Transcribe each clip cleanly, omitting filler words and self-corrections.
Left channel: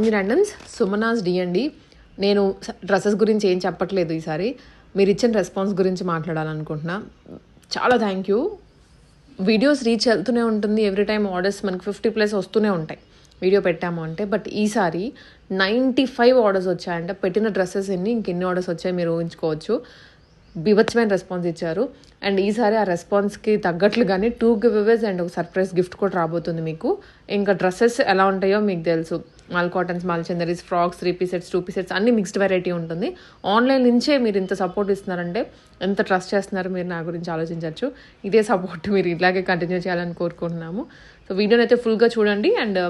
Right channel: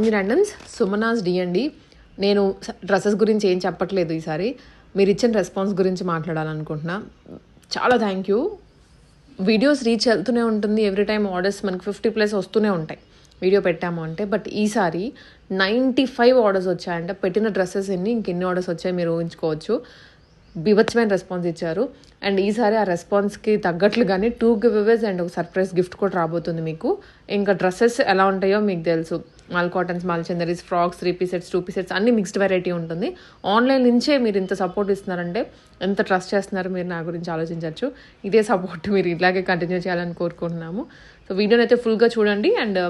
Randoms Sumanas DND. నేను dresses గురించి ఏం చెప్పట్లేదు, ఈసారి మీరు ఇచ్చిన రెస్పాన్స్ గురించి మాట్లాడాలనుకుంటున్నా. చాలా థ్యాంక్ యూ. వీడియోస్ రీచ్ వెళ్తూనే ఉంటుంది, ఎవ్రీ టైం ఆర్డర్స్ మనకి 50+ వస్తూనే ఉంటాయి వీడియో పెట్టాము అంటే. బట్ ఈసారి 95 ఆర్డర్స్ వచ్చాయంటే, పెట్టిన డ్రెస్సెస్ ఇంకెన్ని ఆర్డర్స్ వచ్చాయి మీరు ఊహించుకోవచ్చు. బీభత్సమైన రెస్పాన్స్ ఇచ్చారు. అండ్ ఈసారి ఆ రెస్పాన్స్కి తగ్గట్లుగానే 2 గివ్అవేస్ అండ్ ఒక సర్ప్రైజ్ గిఫ్ట్ కూడా రాబోతుంది మీకు. ఇంకా డ్రెస్సెస్ ఎలా ఉంటాయో మీకు తెలుసు, mul cottons, mul Chanderis, frocks, 3 piece sets, 2 piece sets అన్ని మిక్స్డ్ వెరైటీ ఉంటుంది. ఆన్లైన్ నుంచే మీరు ఇంత సపోర్ట్ ఇస్తున్నారంటే ఎంత ట్రస్ట్ చేస్తున్నారు మీరు నా గురించి ఆలోచించవచ్చు. ఇదే సపోర్ట్ మీరు ఇలాగే కంటిన్యూ చేయాలని కోరుకుంటున్నాము. సో వీడియోని అయితే ఫుల్గా చూడండి. అండ్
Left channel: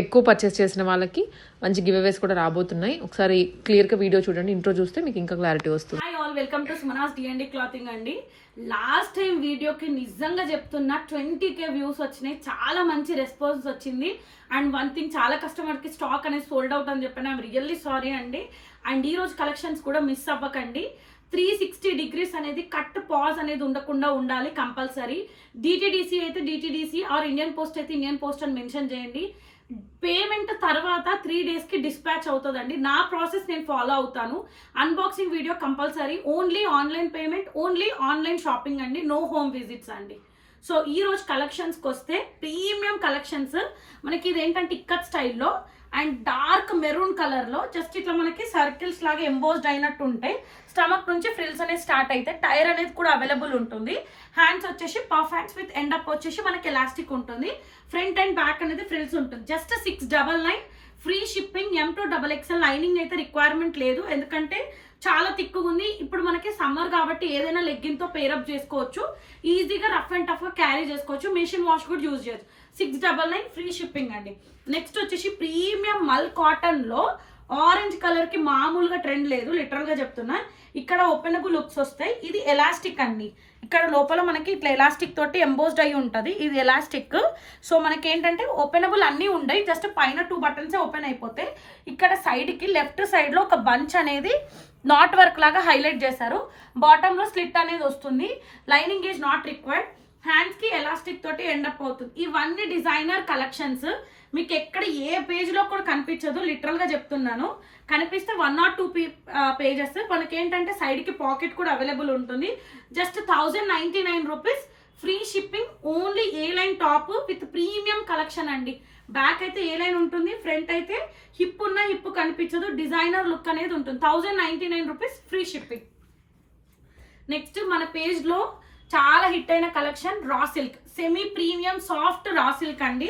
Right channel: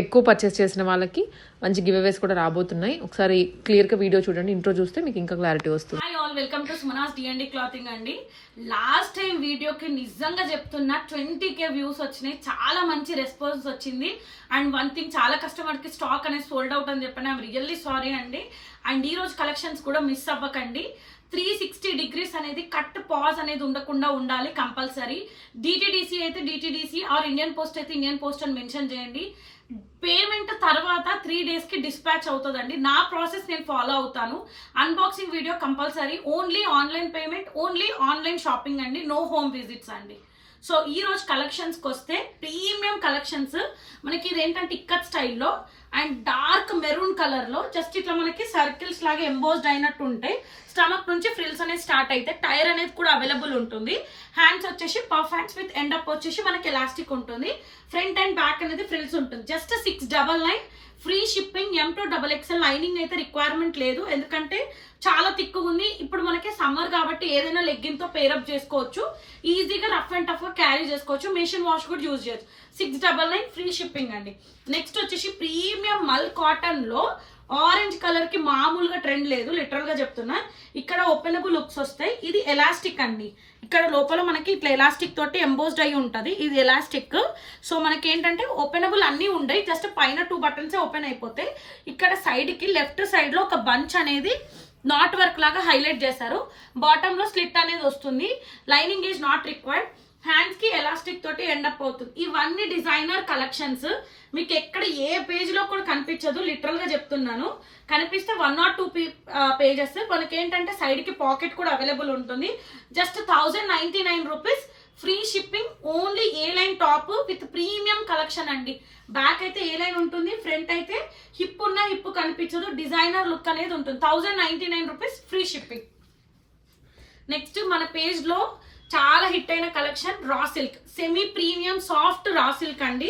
ఎక్కువ పర్చేస్ చేసిన వాళ్ళకి మంచి గివ్అవేస్ కూడా రాబోతున్నాయి. ఒకసారి క్లియర్గా వీడియో చూడండి, ఇంట్రో చూస్తే మీకు ఇంకా క్లారిటీ వస్తుంది. Hi all, welcome to Sumanas DND clothing అండి. లాస్ట్ టైం వీడియోకి నిజంగా చెప్తున్నా 20K వ్యూస్ వచ్చినాయి, చాలా మంచి రెస్పాన్స్ వచ్చింది. అండ్ వన్ థింగ్, చాలా కస్టమర్కి స్టాక్ అనేది సోల్డ్ అవుట్ అని చెప్పాను. ఐఎమ్ రియల్లీ సారీ అండి. అండ్ ఈ రోజు కలెక్షన్స్ కూడా మిస్ అవ్వకండి. 360 degrees అనేది కట్ పాజ్ అనేది ఉండకుండా ఉండాలి కంపల్సరీ. డిటిడిసి అయితే డిటిడిసి ఆర్ ఇండియన్ పోస్ట్ అయితే ఇండియన్ పోస్ట్ అని మెన్షన్ చేయండి. పేమెంట్ తర్వాత 3 daysకి డిస్పాచ్ అవుతుందండి. నా ప్రాసెస్ నేను ఫాలో అవుతాను. Unboxing video compulsory, only online payment, only online shopping అండి, నో హోమ్ విజిట్స్ అండి. సో ఈ రోజు కలెక్షన్స్కి వస్తే ప్రీమియం కలెక్షన్స్ మనకి ఇదేంటంటే ఇక్కత్ స్టైల్లో అండ్ డార్క్ మెరూన్ కలర్లో జస్ట్ ఇట్లా మనకి సర్కిల్స్ లాగా ఎంబోస్డ్ అయినట్టు ఉంటాయి. స్టమక్ నుంచి ఫ్రిల్స్ అనేది స్టార్ట్ అయితే టైర్ అనేది కూడా అవైలబుల్ ఉంటుంది. హ్యాండ్స్ వచ్చేసి puff hands with end up వచ్చేసి మనకి ఎలాస్టిక్ ఉంటుంది. ఫ్రంట్ అండ్ బ్యాక్ అనేది ఫ్రిల్స్ ఉంటుంది. Just 699 free shipping. M2XXL lining అయితే రిక్వైర్మెంట్ లేదు, ఎందుకంటే చాలా తిక్కుగా ఉంది. ఇప్పుడు మనకి సమ్మర్ కాబట్టి ఏదైనా లెగ్గిన్తో పేరప్ చేసుకోవచ్చు, ఈజీగా రఫ్ అండ్ టఫ్గా క్యారీ చేసుకోవచ్చు, మెషిన్ వాష్ కూడా యూజ్ చేయొచ్చు. 699 ఫ్రీ షిప్పింగ్ అండి. నెక్స్ట్ వచ్చేసి ప్రీమియం మల్ కాటన్లో ఆరెంజ్ కలర్కి మామూలుగా ట్రెండ్ లేదు, లిటరల్గా చెప్తున్నా. ఇక్కడ ఓపెనబుల్ లుక్స్ వస్తాయి. ఇది ఎలాస్టిక్ అండి, ఇక్కడ లోపల మనకి ఇట్లా ఎలాస్టిక్ తోటి ఎంబోస్డ్ అయి ఉంటుంది. ఇది ఎలాస్టిక్. సో మనకి ఏంటంటే ఓపెనబుల్ అన్నీ ఉండయి, జస్ట్ పైన 2 buttons ఓపెన్ అయిపోతాయి. ఇక్కడ సైడ్కి లెఫ్ట్ సైడ్లో ఒక బంచ్ అనేది నాట్ వర్క్ లాగా హైలైట్ చేశారు. బాటంలో స్లిట్ అనేది వస్తుంది. Lining is not required. హ్యాండ్స్కి ఎలాస్టిక్ తోటి ఎండప్ అవుతుంది. ఇవన్నీ డిజైనర్ కలెక్షన్స్. మీకు ఎక్కడ ఏ పేజ్లో కూడా కనిపించదు, లిటరల్గా చెప్తున్నాను. కనిపిస్తే 1 or 2 pages. మనకి ఏంటంటే సైడ్కి పాకెట్ కూడా అవైలబుల్ ఉంటుంది. Just 1099 rupees free shipping. Only A line top with premium collection అండి. బ్యాక్ అయితే ఏ లైన్ ఉంటుంది, ఫ్రంట్ అయితే హిప్ ఉన్న హిప్ కనిపించదు, డిజైనర్ లుక్ అనేది ఉంటుంది. 1099 రూపీస్ ఫ్రీ షిప్పింగ్. నెక్స్ట్ మన పేజ్లో చాలా హిట్ అయిన collection raw silk, semi premium soft raw silk అండి.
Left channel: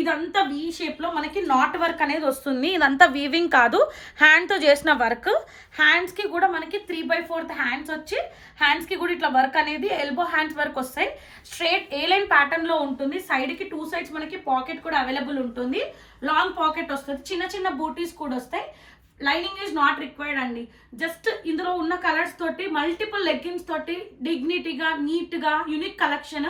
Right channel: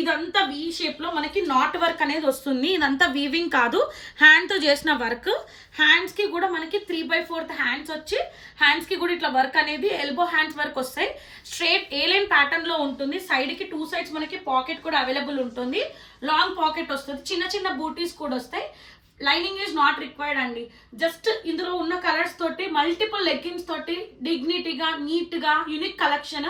ఇదంతా వీ షేప్లో మనకి నాట్ వర్క్ అనేది వస్తుంది. ఇదంతా వీవింగ్ కాదు, హ్యాండ్తో చేసిన వర్క్. హ్యాండ్స్కి కూడా మనకి 3/4 హ్యాండ్స్ వచ్చి హ్యాండ్స్కి కూడా ఇట్లా వర్క్ అనేది ఎల్బో హ్యాండ్స్ వర్క్ వస్తాయి. స్ట్రేట్ ఏ లైన్ ప్యాటర్న్లో ఉంటుంది. సైడ్కి 2 sides మనకి పాకెట్ కూడా అవైలబుల్ ఉంటుంది. లాంగ్ పాకెట్ వస్తుంది, చిన్న చిన్న బూటీస్ కూడా వస్తాయి. లైనింగ్ ఈజ్ నాట్ రిక్వైర్డ్ అండి. జస్ట్ ఇందులో ఉన్న కలర్స్ తోటి మల్టిపుల్ లెగ్గిన్స్ తోటి డిగ్నిటీగా నీట్గా unique collection.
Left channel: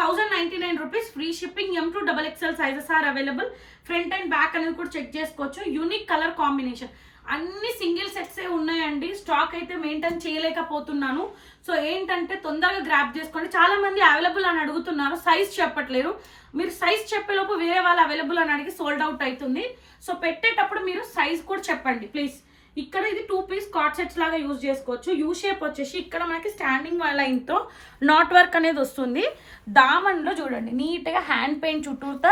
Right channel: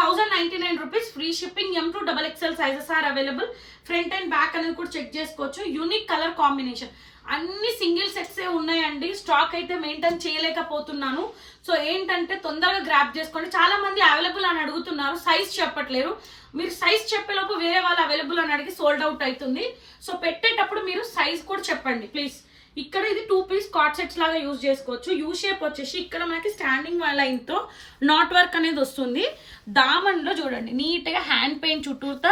1099 rupees free shipping. M2XXL sizes are available. Front and back అనేది కూడా చెక్ చేసుకోవచ్చు. Unique colour combination. అన్ని సింగిల్ సెట్సే ఉన్నాయండి, స్టాక్ అయితే మెయింటైన్ చేయలేకపోతున్నాను. సో ఏంటంటే తొందరగా గ్రాప్ చేసుకోండి. చాలా మంది అవైలబుల్ అని అడుగుతున్నారు, సైజ్ చెప్పట్లేరు. మీరు సైజ్ చెప్పేలోపు వేరే వాళ్ళు అవైలబుల్ అని అడిగి సోల్డ్ అవుట్ అవుతుంది. సో పెట్టేటప్పుడు మీరు సైజ్ కూడా చెప్పండి ప్లీజ్. ఇక్కడ ఇది 2 piece కాట్ సెట్స్ లాగా యూజ్ చేసుకోవచ్చు. యూ షేప్ వచ్చేసి ఇక్కడ మనకి స్టాండింగ్ లైన్తో నాట్ వర్క్ అనేది వస్తుంది. దామన్లో చూడండి నీట్గా హ్యాండ్ పెయింట్ చుట్టూతా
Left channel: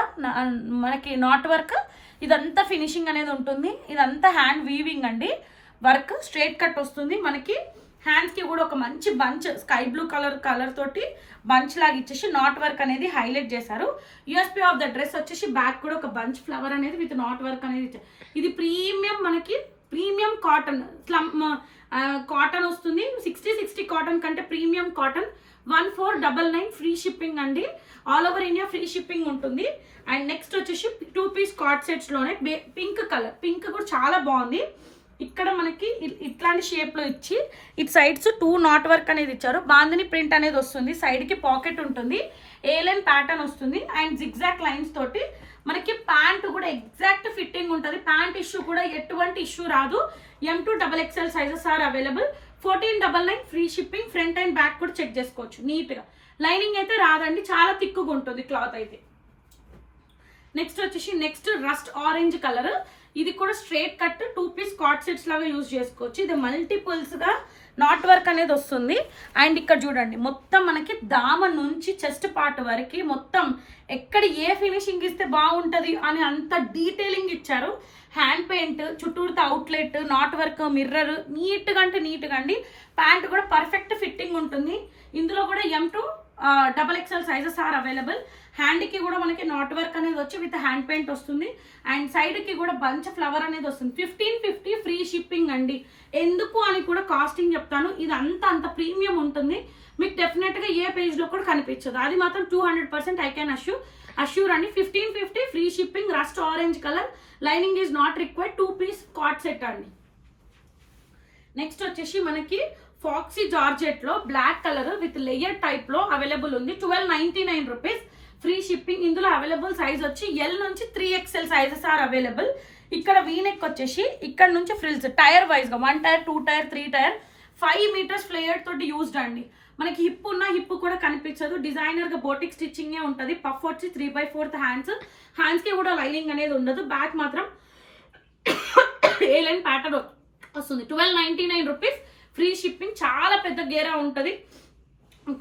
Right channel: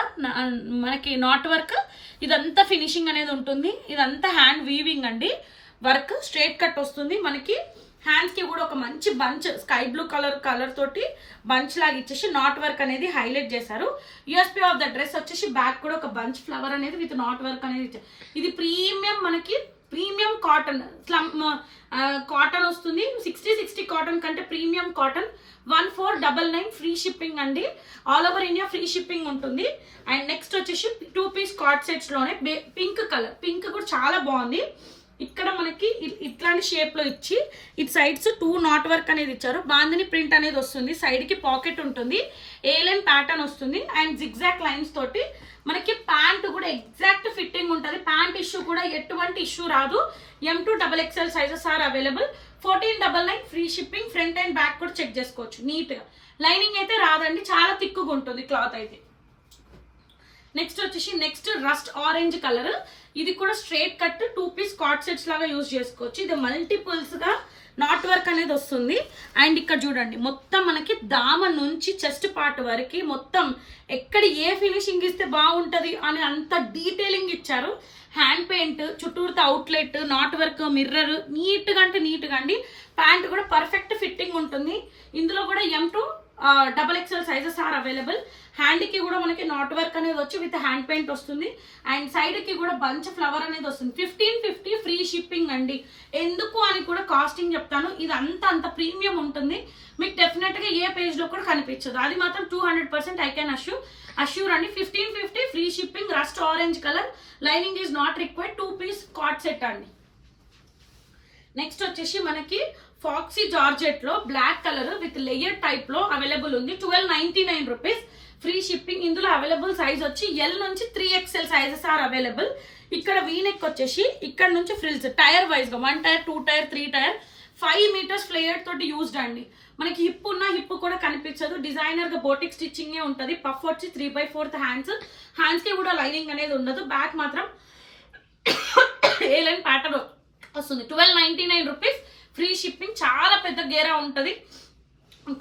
మనకి నాట్ వర్క్. ఇదంతా ఫినిషింగ్ అనేది ఉంటుంది. ఇదంతా హ్యాండ్ వీవింగ్ అండి. వర్క్ స్ట్రైట్ కట్ వస్తుంది మనకి. హ్యాండ్స్కి కూడా ఒక మంచి బంచ్ స్కై బ్లూ కలర్ తోటి బంచ్ లాగా ఇచ్చేసి నాట్ వర్క్ అనేది హైలైట్ చేశారు. యూఎస్పీ ఆఫ్ ద డ్రెస్ వచ్చేసి బ్యాక్ కూడా ఒక బంచ్ ఫ్లవర్ అనేది విత్ నాట్ వర్క్ అనేది ఇచ్చారు. ఇది ప్రీమియం మనకి ప్రీమియం కాటన్ కాటన్ వస్తుంది. 60 కాటన్ కంటే ప్రీమియం కాటన్. 1499 ఫ్రీ షిప్పింగ్ అండి. All over India free shipping ఉంటుంది. అండ్ నెక్స్ట్ వచ్చేసి 2 piece కాట్ సెట్స్లోనే పింక్ కలర్, పింక్ కూడా చాలా బాగుంది. ఇక్కడ మనకి ఇట్లాంటి షేప్లో ఇచ్చి ఇటు సైడ్స్ 2 నాట్ వర్క్ అనేది ఇచ్చారు. బాందిని ప్రింట్ అనేది వస్తుంది. సైడ్కి పాకెట్ ఉంటుంది, ఏ లైన్ ప్యాటర్న్ వస్తుంది అండ్ జిగ్జాక్ లైన్స్ తోటి మనకి ప్యాంట్ కూడా ఎగ్జాక్ట్ ఫిట్టింగ్ ఉంటుంది. ప్యాంట్ ఇష్యూ కూడా ఎటువంటి ఇష్యూ రాదు. M2XXL sizes are available. 1499 free shipping. Front and back కూడా చెక్ చేసుకోవచ్చు నీట్గా. లైనింగ్ అయితే రాదండి, చాలా థిక్గా ఉంటుంది క్లాత్ అయితే. నెక్స్ట్ వచ్చేసి నెక్స్ట్ రస్ట్ ఆరెంజ్ కలర్, ఇది కూడా straight cut 2 piece coord sets లాగా యూజ్ చేసుకోవచ్చు. ఇది మల్టిపుల్స్ గా నాట్ వర్క్ అనేది వస్తుంది. అండ్ ఇక్కడ చూడండి మొత్తం మనకి దామ నుంచి చెస్ట్ పార్ట్ వరకు మొత్తం ఎక్కడ ఏ ఫినిషింగ్ ఇస్తే బాగుంటది అని అంత డీటెయిలింగ్ ఇచ్చారు. హ్యాండ్ పెయింట్, చుట్టూరుతో అవుట్లెట్, నాట్ వర్క్, మిర్రర్, నీట్గా అంటే నీట్గా అండి. ప్యాంట్ కూడా పర్ఫెక్ట్ ఫిట్టింగ్ ఉంటుంది. ఇందులో కూడా M2 XXL sizes are available. హ్యాండ్కి కూడా మనకి నాట్ వర్క్ అనేది వచ్చి విత్ హ్యాండ్ పెయింట్ వస్తుంది. అండ్ సైడ్కి కూడా బంచ్ ఫ్లవర్ అనేది వస్తుంది. 1550 ఫ్రీ షిప్పింగ్ అండి. ఎందుకు అని కూడా కాస్టింగ్ చెప్తాను. ఇది అంత ప్రీమియం ఉంటుంది. మీకు డెఫినెట్గా ఏ పేజ్లో కూడా కనిపించదు. అది మాత్రం 200% ఐ కెన్ అష్యూర్ అండి. 1550 free shipping, rust orange colour, lining is not required, 2 piece coord set అండి. నెక్స్ట్ వచ్చేసి మనకి ఫాక్సీ జార్జెట్ లో black colour with layer type లో అవైలబుల్ ఉంది. 1299 రూపీస్ ఫ్రీ షిప్పింగ్. ఇందులో అవైలబుల్ సైజ్ వచ్చి L నుంచి 3XL సైజెస్ ఆర్ అవైలబుల్. ఇక్కడ వీనెక్ వచ్చేసి ఇక్కడ నుంచి ఫ్రిల్స్ టైర్ వైజ్ గా 1 tier, 2 tier, 3 tier, 5 metres flare తోటి యూజ్డ్ అండి. మనకి హిప్ ఉన్న హిప్ కూడా కనిపించదు. డిజైనర్ గా బోటిక్ స్టిచ్చింగ్ ఉంటుంది. పఫ్ వచ్చి 3/4 హ్యాండ్స్ కి కూడా లైనింగ్ అనేది ఉండదు. బ్యాక్ మాత్రం ఏ లైన్ ప్యాటర్న్ వస్తుంది. 1299 రూపీస్ ఫ్రీ షిప్పింగ్. చాలా పెద్ద గేరా ఉంటుంది.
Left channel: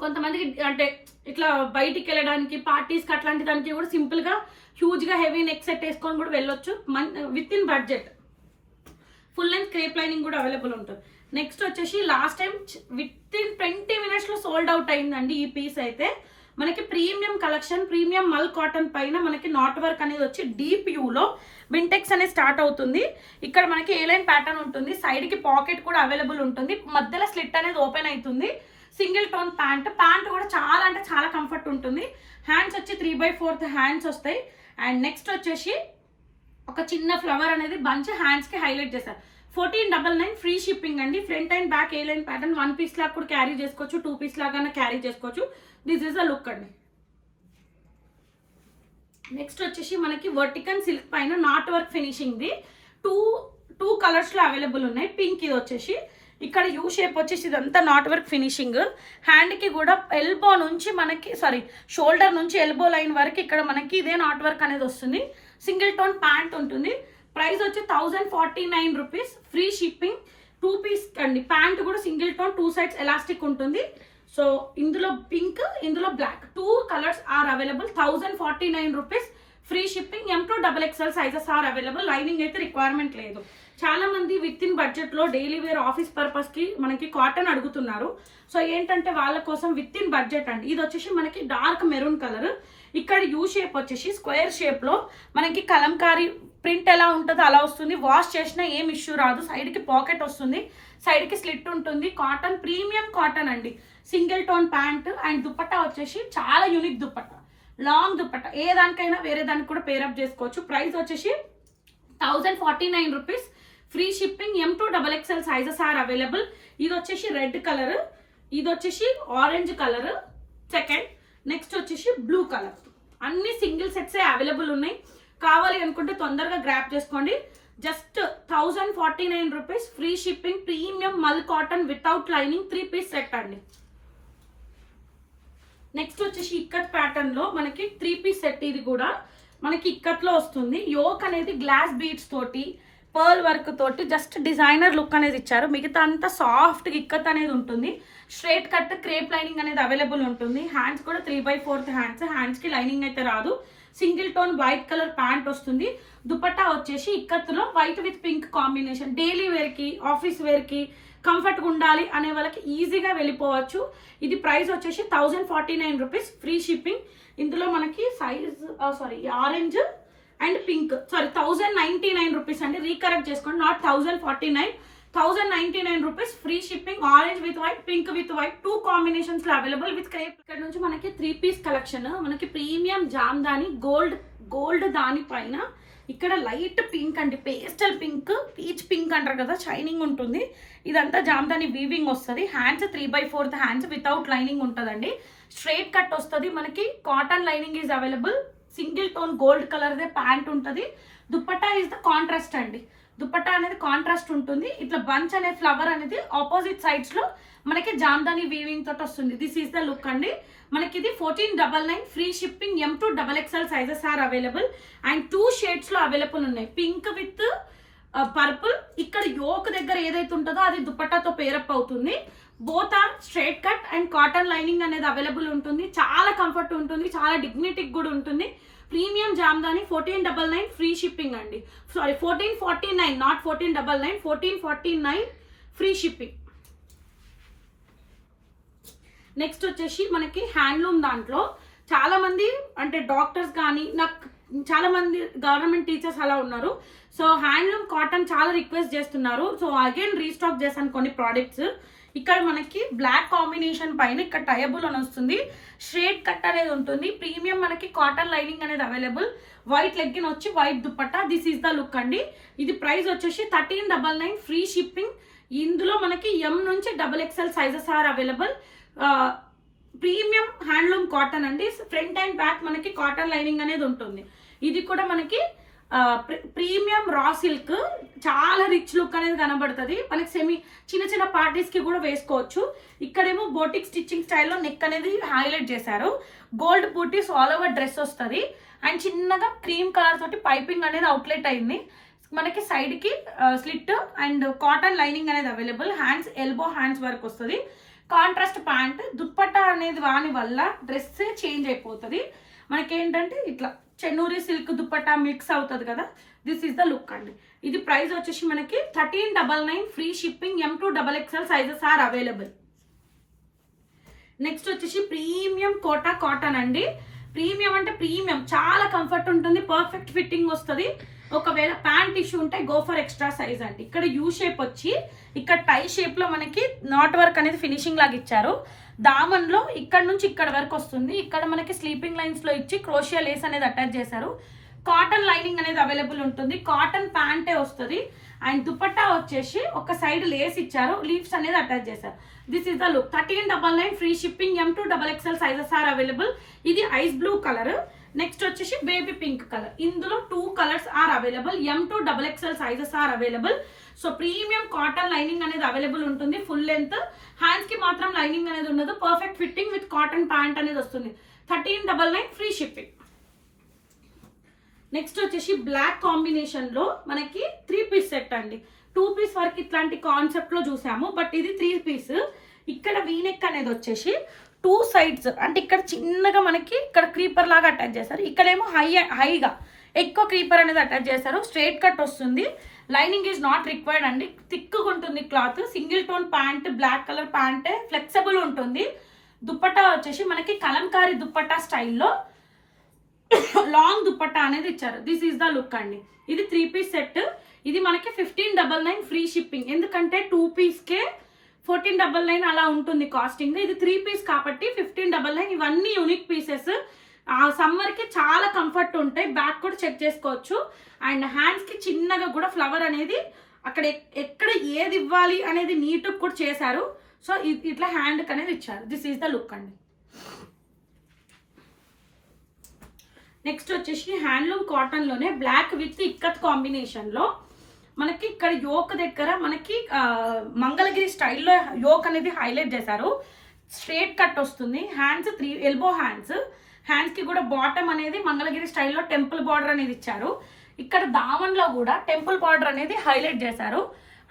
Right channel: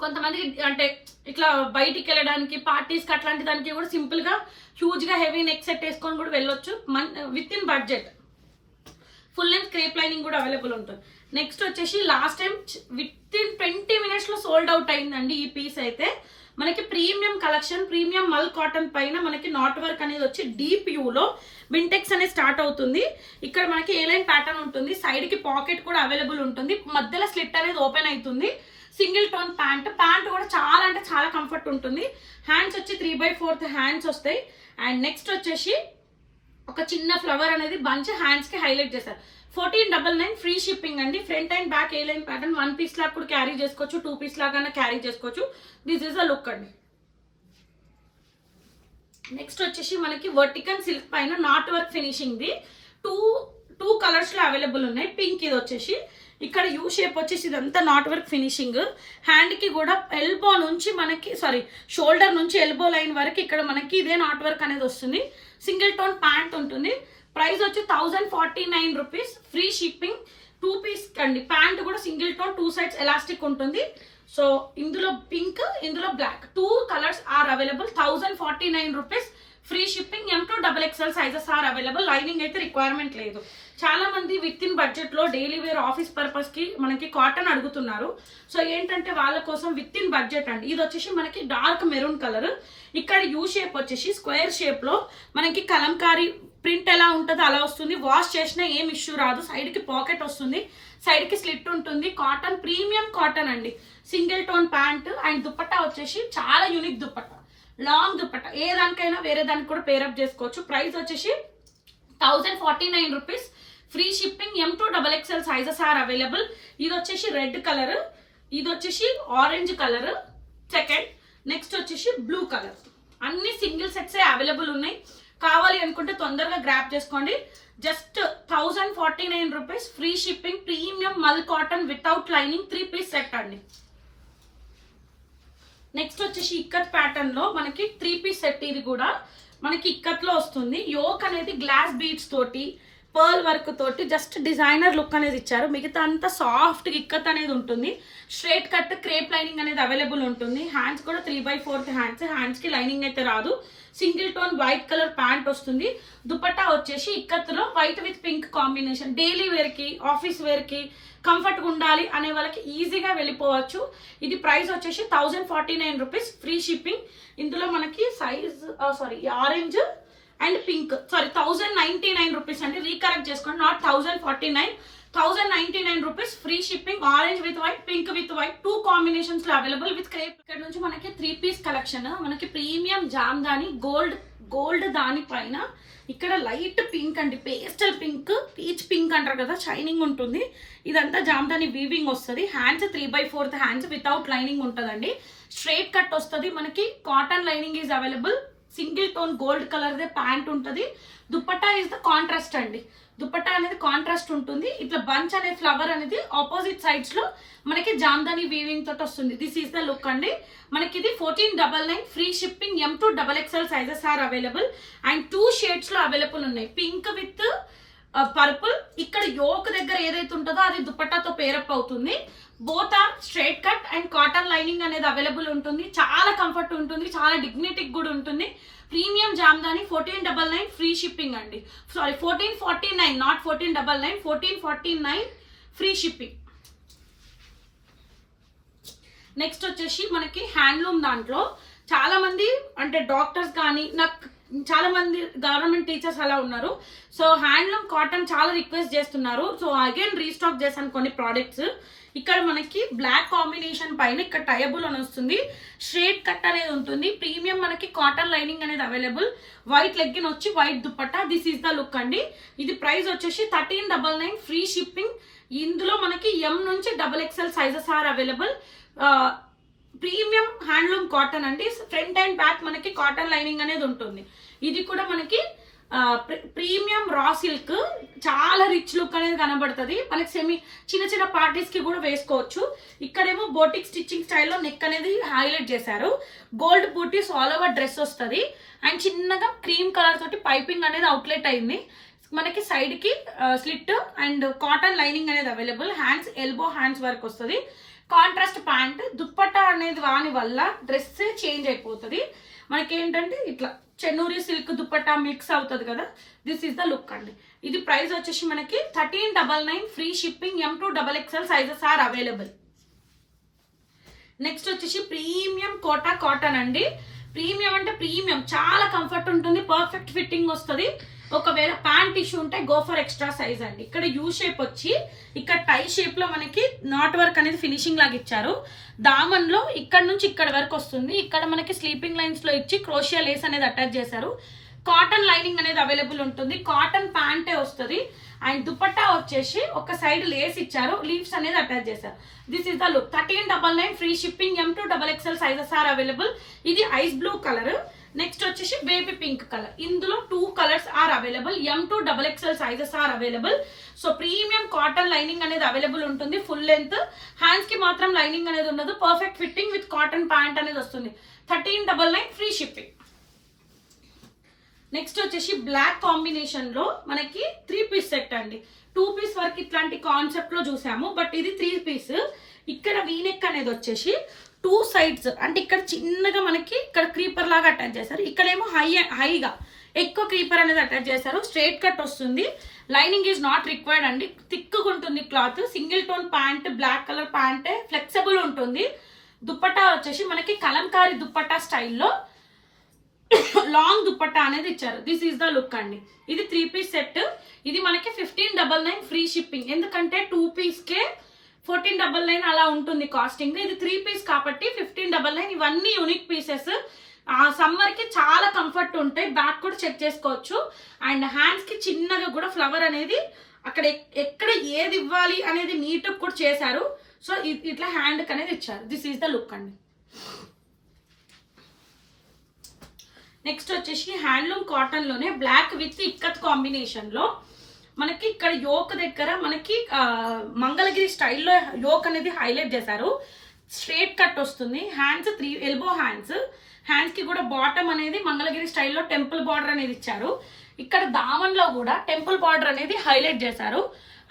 కొంతమందికి అంటే ఇట్లా బయటికి వెళ్ళడానికి, పార్టీస్కి అట్లాంటి దానికి కూడా సింపుల్గా హ్యూజ్గా హెవీ నెక్ సెట్ వేసుకొని కూడా వెళ్ళొచ్చు. With in budget. Full length crepe lining కూడా అవైలబుల్ ఉంటుంది. నెక్స్ట్ వచ్చేసి లాస్ట్ టైం విత్ ఇన్ 20 minutesలో సోల్డ్ అవుట్ అయిందండి ఈ పీస్ అయితే. మనకి ప్రీమియం కలెక్షన్, ప్రీమియం మల్ కాటన్ పైన మనకి నాట్ వర్క్ అనేది వచ్చి డీప్ యూలో వింటెక్స్ అనేది స్టార్ట్ అవుతుంది. ఇక్కడ మనకి ఏ లైన్ ప్యాటర్న్ ఉంటుంది. సైడ్ కి పాకెట్ కూడా అవైలబుల్ ఉంటుంది. మధ్యలో స్లిట్ అనేది ఓపెన్ అవుతుంది. సింగిల్ టోన్ ప్యాంట్ కూడా చాలా అంటే చాలా కంఫర్ట్ ఉంటుంది. హ్యాండ్స్ వచ్చి 3/4 హ్యాండ్స్ వస్తాయి. అండ్ నెక్స్ట్ వచ్చేసి ఒక చిన్న ఫ్లవర్ అనేది బంచ్ హ్యాండ్స్ కి హైలైట్ చేశారు. 1499 ఫ్రీ షిప్పింగ్ అండి. Front and back A line pattern 1 piece లాగా కూడా క్యారీ చేసుకోవచ్చు, 2 పీస్ లాగా క్యారీ చేసుకోవచ్చు. దిస్ ఈస్ అ లుక్ అండి. నెక్స్ట్ వచ్చేసి మనకి వర్టికల్ సిల్క్ పైన knot work finishing the two colours లో అవైలబుల్ ఉన్నాయి. పింక్ ఇది వచ్చేసి ఇక్కడ యూ షేప్ వచ్చేసి ఇదంతా నాట్ వర్క్ ఫినిషింగ్. హ్యాండ్ కి కూడా ఎల్బో నుంచి మనకి షోల్డర్ నుంచి ఎల్బో లైన్ వరకు ఇక్కడ మనకి ఇదే నాట్ వర్క్ అనేది వస్తుంది. సింగిల్ టోన్ ప్యాంట్ ఉంటుంది. ప్రైస్ వచ్చి 1049 రూపీస్ ఫ్రీ షిప్పింగ్. 2 పీస్ అండి. ప్యాంట్ కూడా సింగిల్ టోన్, 2 sides ఎలాస్టిక్ ఉంటుంది. సో ఇందులో పింక్, ఇందులో black, 2 colours are available. 1049 rupees free shipping. M2 XXL sizes are available. Lining అయితే రిక్వైర్మెంట్ లేదు. చాలా మంది విత్ ఇన్ బడ్జెట్ లో డైలీ వేర్ ఆఫీస్ పర్పస్ కి మనకి కాటన్ అడుగుతున్నారు. సో ఏంటంటే వాళ్ళ కోసం విత్ ఇన్ బడ్జెట్ అండి. ఇది వచ్చేసి మనకి డార్క్ మెరూన్ కలర్. ఇక్కడ యూ షేప్ వచ్చేసి స్క్వేర్ షేప్ లో మనకి కలంకారీ ప్రింట్ ఎలా ఉంటుందో అలా వస్తుంది. వాష్ చేసినా ఏం ఇష్యూ రాదు. సైడ్ కి పాకెట్ వస్తుంది, సైడ్ కి స్లిట్ ఉంటుంది. కాటన్, ప్రీమియం కాటన్ అండి. Single tone pant. And dupatta వచ్చేసి చాలా యూనిక్ దుపట్టా, లాంగ్ దుపట్టా. ఏ దానికైనా వేరే దానికి కూడా పేరప్ చేసుకోవచ్చు. ప్రైస్ వచ్చేసి 1049 rupees free shipping. M2 XXL sizes are available. ఇది వచ్చేసి రెడ్ కలర్, ఇది వచ్చేసి ఆరెంజ్ కలర్ సెకండ్, నెక్స్ట్ వచ్చేసి బ్లూ కలర్. అన్ని సింగిల్ సెట్స్ అవైలబుల్ ఉన్నాయి. కావాలి అనుకుంటే తొందరగా గ్రాప్ చేసుకోండి. Just 1049 rupees free shipping. Premium మల్ cotton without lining 3 piece set అండి. నెక్స్ట్ వచ్చేసి ఇక్కత్ ప్యాటర్న్ లో మనకి 3 పీస్ సెట్. ఇది కూడా మనకి ఇక్కత్ లో వస్తుంది. యోక్ అనేది గ్లాస్ బీడ్స్ తోటి, పర్ల్ వర్క్ తోటి జస్ట్ డిజైనర్ లుక్ అనేది ఇచ్చారు. మిగతా అంతా సాఫ్ట్ ఇక్కత్ అనేది ఉంటుంది. స్ట్రైట్ కట్ క్రేప్ లైనింగ్ అనేది అవైలబుల్ ఉంటుంది. హ్యాండ్స్ కూడా 3/4 హ్యాండ్స్ కి లైనింగ్ అయితే రాదు. Single tone white colour pant వస్తుంది. దుపట్టా వచ్చేసి ఇక్కత్తులో white with pink combination. Daily wear కి, ఆఫీస్ వేర్ కి కంఫర్ట్గా ఉండాలి అనే వాళ్ళకి ఈజీగా వెళ్ళిపోవచ్చు. ఇది ప్రైస్ వచ్చేసి 1049 రూపీస్ ఫ్రీ షిప్పింగ్. ఇందులో మనకి size orange and pink 1099 rupees అండి. రీకరెక్ట్ చేసుకోండి, not 1049. 1099 rupees free shipping. Orange with white, pink with white, 2 combinations లో అవైలబుల్ విత్ క్రేప్. ఇక్కడ నుంచి మనకి 3 పీస్ కలెక్షన్. మనకి ప్రీమియం జామ్దాని గోల్డ్ దానిపైన ఇక్కడ లైట్ పింక్ అండి, పేస్టల్ పింక్, పీచ్ పింక్ అంటారు కదా, షైనింగ్ ఉంటుంది. ఇదంతా జామ్దాని వీవింగ్ వస్తుంది. హ్యాండ్స్ 3/4 హ్యాండ్స్ వితౌట్ లైనింగ్ ఉంటుందండి. స్ట్రైట్ కట్ వస్తుంది. మనకి cotton lining is available. Single tone gold colour they pant ఉంటుంది. దుపట్టా ఈజ్ ద కాంట్రాస్ట్ అండి. దుపట్టా అనేది కాంట్రాస్ట్ ఉంటుంది. ఇట్లా బంచ్ అనే ఫ్లవర్ అనేది ఆపోజిట్ సైడ్స్ లో మనకి జామ్దాని వీవింగ్ తోటి వస్తుంది. దిస్ ఈస్ ద లుక్ అండి. మనకి ఇది 1499 free shipping. M to XXL sizes are available and 2 shades లో అవైలబుల్ ఉన్నాయి. Pink with purple. ఇక్కడ యోక్ దగ్గర ఏదైతే ఉంటుందో అది దుపట్టాతో పేరప్ అవుతుంది. Both are straight cut and cotton lining అనేది అవైలబుల్ ఉంటుంది. చాలా కంఫర్ట్ ఉంటుంది, చాలా డిగ్నిటీ కూడా ఉంటుంది. ప్రీమియం జామ్దాని 1499 ఫ్రీ షిప్పింగ్ అండి. Sorry 1449, not 1499, 1449 free shipping. Next వచ్చేసి మనకి హ్యాండ్లూమ్ దాంట్లో చాలా మంది అంటే డాక్టర్స్ కానీ నాకు చాలా మంది గవర్నమెంట్ టీచర్స్ అలా ఉన్నారు. సో హ్యాండ్లూమ్ కాటన్ చాలా రిక్వెస్ట్ చేస్తున్నారు. సో అగైన్ రీస్టాక్ చేశాను కొన్ని ప్రోడక్ట్స్. ఇక్కడ మనకి బ్లాక్ కాంబినేషన్ పైన ఇక్కడ టయబుల్ అని వస్తుంది. స్ట్రేట్ కట్ అనేది ఉంటుంది. ప్రీమియం మనకి కాటన్ లైనింగ్ అనేది అవైలబుల్. వైట్ లెగ్గిన్ వచ్చి white dupatta. This is the look అండి. ఇది ప్రైస్ వచ్చేసి 1399 ఫ్రీ షిప్పింగ్. ఇందులో మనకి M నుంచి XXL sizes are available. Premium handloom cotton అండి. ఫ్రంట్ అండ్ బ్యాక్ మనకి కాటన్ లైనింగ్ అనేది ఉంటుంది. ఇది కూడా మనకి ప్రీమియం రా సిల్క్. చాలా రిచ్ లుక్ అనేది కనబడుతుంది. మనకి చిన్న చిన్న పార్టీస్ కి కూడా వేసుకోవచ్చు. ఇక్కడేమో బోటిక్ స్టిచ్చింగ్ స్టైల్లో నెక్ అనేది హైలైట్ చేశారు. Gold buttis all over dress వస్తుంది అండ్ చిన్నగా క్రీమ్ కలర్ తోటి పైపింగ్ అనేది అవుట్లెట్ అయింది. మనకి సైడ్ కి స్లిట్ అండ్ కాటన్ లైనింగ్ అనేది available. Hands elbow hands work వస్తుంది. Contrast pant. దుప్పట్టా అనేది వాని వల్ల డ్రెస్ చేంజ్ అయిపోతుంది. మనకి ఏంటంటే ఇట్లా చెన్నూరి సిల్క్ దుప్పట్టా మిక్స్ అవుతుంది కదా. దిస్ ఈస్ ద లుక్ అండి. ఇది ప్రైస్ వచ్చేసి మనకి 1399 free shipping. M to XXL sizes are available. Next వచ్చేసి ప్రీమియం కోటా కాటన్ అండి. ప్రీమియం అంటే ప్రీమియం, చాలా కంఫర్ట్ ఉంటుంది, పర్ఫెక్ట్ ఫిట్టింగ్ వస్తుంది. ఒకవేళ ప్యాంట్ ఇష్యూ ఉంటే గో ఫర్ ఎక్స్ట్రా సైజ్ అండి. ఇక్కడ యూ షేప్ వచ్చి ఇక్కడ టై షేప్ లో మనకి నాట్ వర్క్ అనేది ఫినిషింగ్ లాగా ఇచ్చారు. దామన్ లో ఇక్కడ నుంచి ఇక్కడ వరకు వస్తుంది. ఇక్కడ మనకి స్లీపింగ్ లైన్స్ లో ఇచ్చి క్రోషియా లేస్ అనేది అటాచ్ చేశారు. కాటన్ లైనింగ్ అనేది అవైలబుల్ ఉంటుంది. కాటన్ ప్యాంటే వస్తుంది అండ్ దుపట్టా వచ్చేసి ఒక సైడ్ లేస్ ఇచ్చారు, లీవ్స్ అనేది అటాచ్ చేశారు. This is the look. 1399 free shipping. M to XXL sizes are available. ఇది ఐస్ బ్లూ కలర్. నెక్స్ట్ వచ్చేసి బేబీ పింక్ కలర్. ఇందులో 2 colours are available. M to XXL sizes are available. So premium cotton lining అనేది available ఉంటుంది. Full length. Hands కి మాత్రం lining అనేది ఉండదు. Perfect fitting with cotton pant అనేది వస్తుంది. 1399 ఫ్రీ షిప్పింగ్. నెక్స్ట్ వచ్చేసి బ్లాక్ కాంబినేషన్ లో మనకి 3 పీస్ సెట్ అండి. 2 పీస్ వరకు ఇట్లాంటి కాన్సెప్ట్ లో చూసాము, బట్ ఇది 3 పీస్. ఇక్కడ వీనెక్ అనేది వచ్చేసి 2 సైడ్స్ అంటే ఇక్కడ చిన్నగా మనకి ఇక్కడ క్రీపర్ లాగా అటాచ్ చేశారు. ఇక్కడేమో హైగా ఎక్కువ క్రీపర్ అనేది అటాచ్ చేశారు. స్ట్రైట్ కట్ వస్తుంది. లైనింగ్ ఈజ్ నాట్ రిక్వైర్డ్ అండి. థిక్గా ఉంటుంది cloth. Single tone pant, black colour pant, flexible ఉంటుంది. దుప్పట్టా వచ్చేసి మనకి కలంకారీ దుప్పట్టా స్టైల్లో లాంగ్ దుపట్టా అనేది ఇచ్చారు. దిస్ ఈస్ ద లుక్ అండి. ఇది 3 పీస్ సెట్. ఇది మనకి 1599 ఫ్రీ షిప్పింగ్. ఎందుకంటే 2 పీస్కే 1499 అలా ఉంటుంది కాస్టింగ్. ఇది 3 పీస్ కాబట్టి 1599. ఇవన్నీ యూనిక్ పీసెస్. ఆ సమ్మర్ కి చాలా కంఫర్ట్ ఉంటాయి. బ్యాక్ కూడా చెక్ చేసుకోవచ్చు. అండ్ హ్యాండ్స్ కి చిన్నగా కూడా ఫ్లవర్ అనేది అక్కడ ఎక్కడ ఏది ఇవ్వాలి అనేది నీట్ కూడా చేశారు. సో ఇట్లా హ్యాండ్ అనేది ఇచ్చారు. దిస్ ఈస్ ద లుక్ అండి. నెక్స్ట్ వచ్చేసి హ్యాండ్లూమ్ కాటన్ లోనే బ్లాక్ విత్ ఇక్కత్ కాంబినేషన్ లో మనకి ఇక్కడ యోక్ దగ్గర మనకి మంగళగిరి స్టైల్లో యోక్ అనేది హైలైట్ చేశారు. స్ట్రేట్ కట్ వస్తుంది. Hands 3 elbow hands. హ్యాండ్స్ కి కూడా బాటమ్ అనేది మంగళగిరి స్టైల్లో టెంపుల్ బార్డర్ అనేది ఇచ్చారు. ఇక్కడ దామన్ లో కూడా టెంపుల్ బార్డర్ అనేది హైలైట్ చేశారు.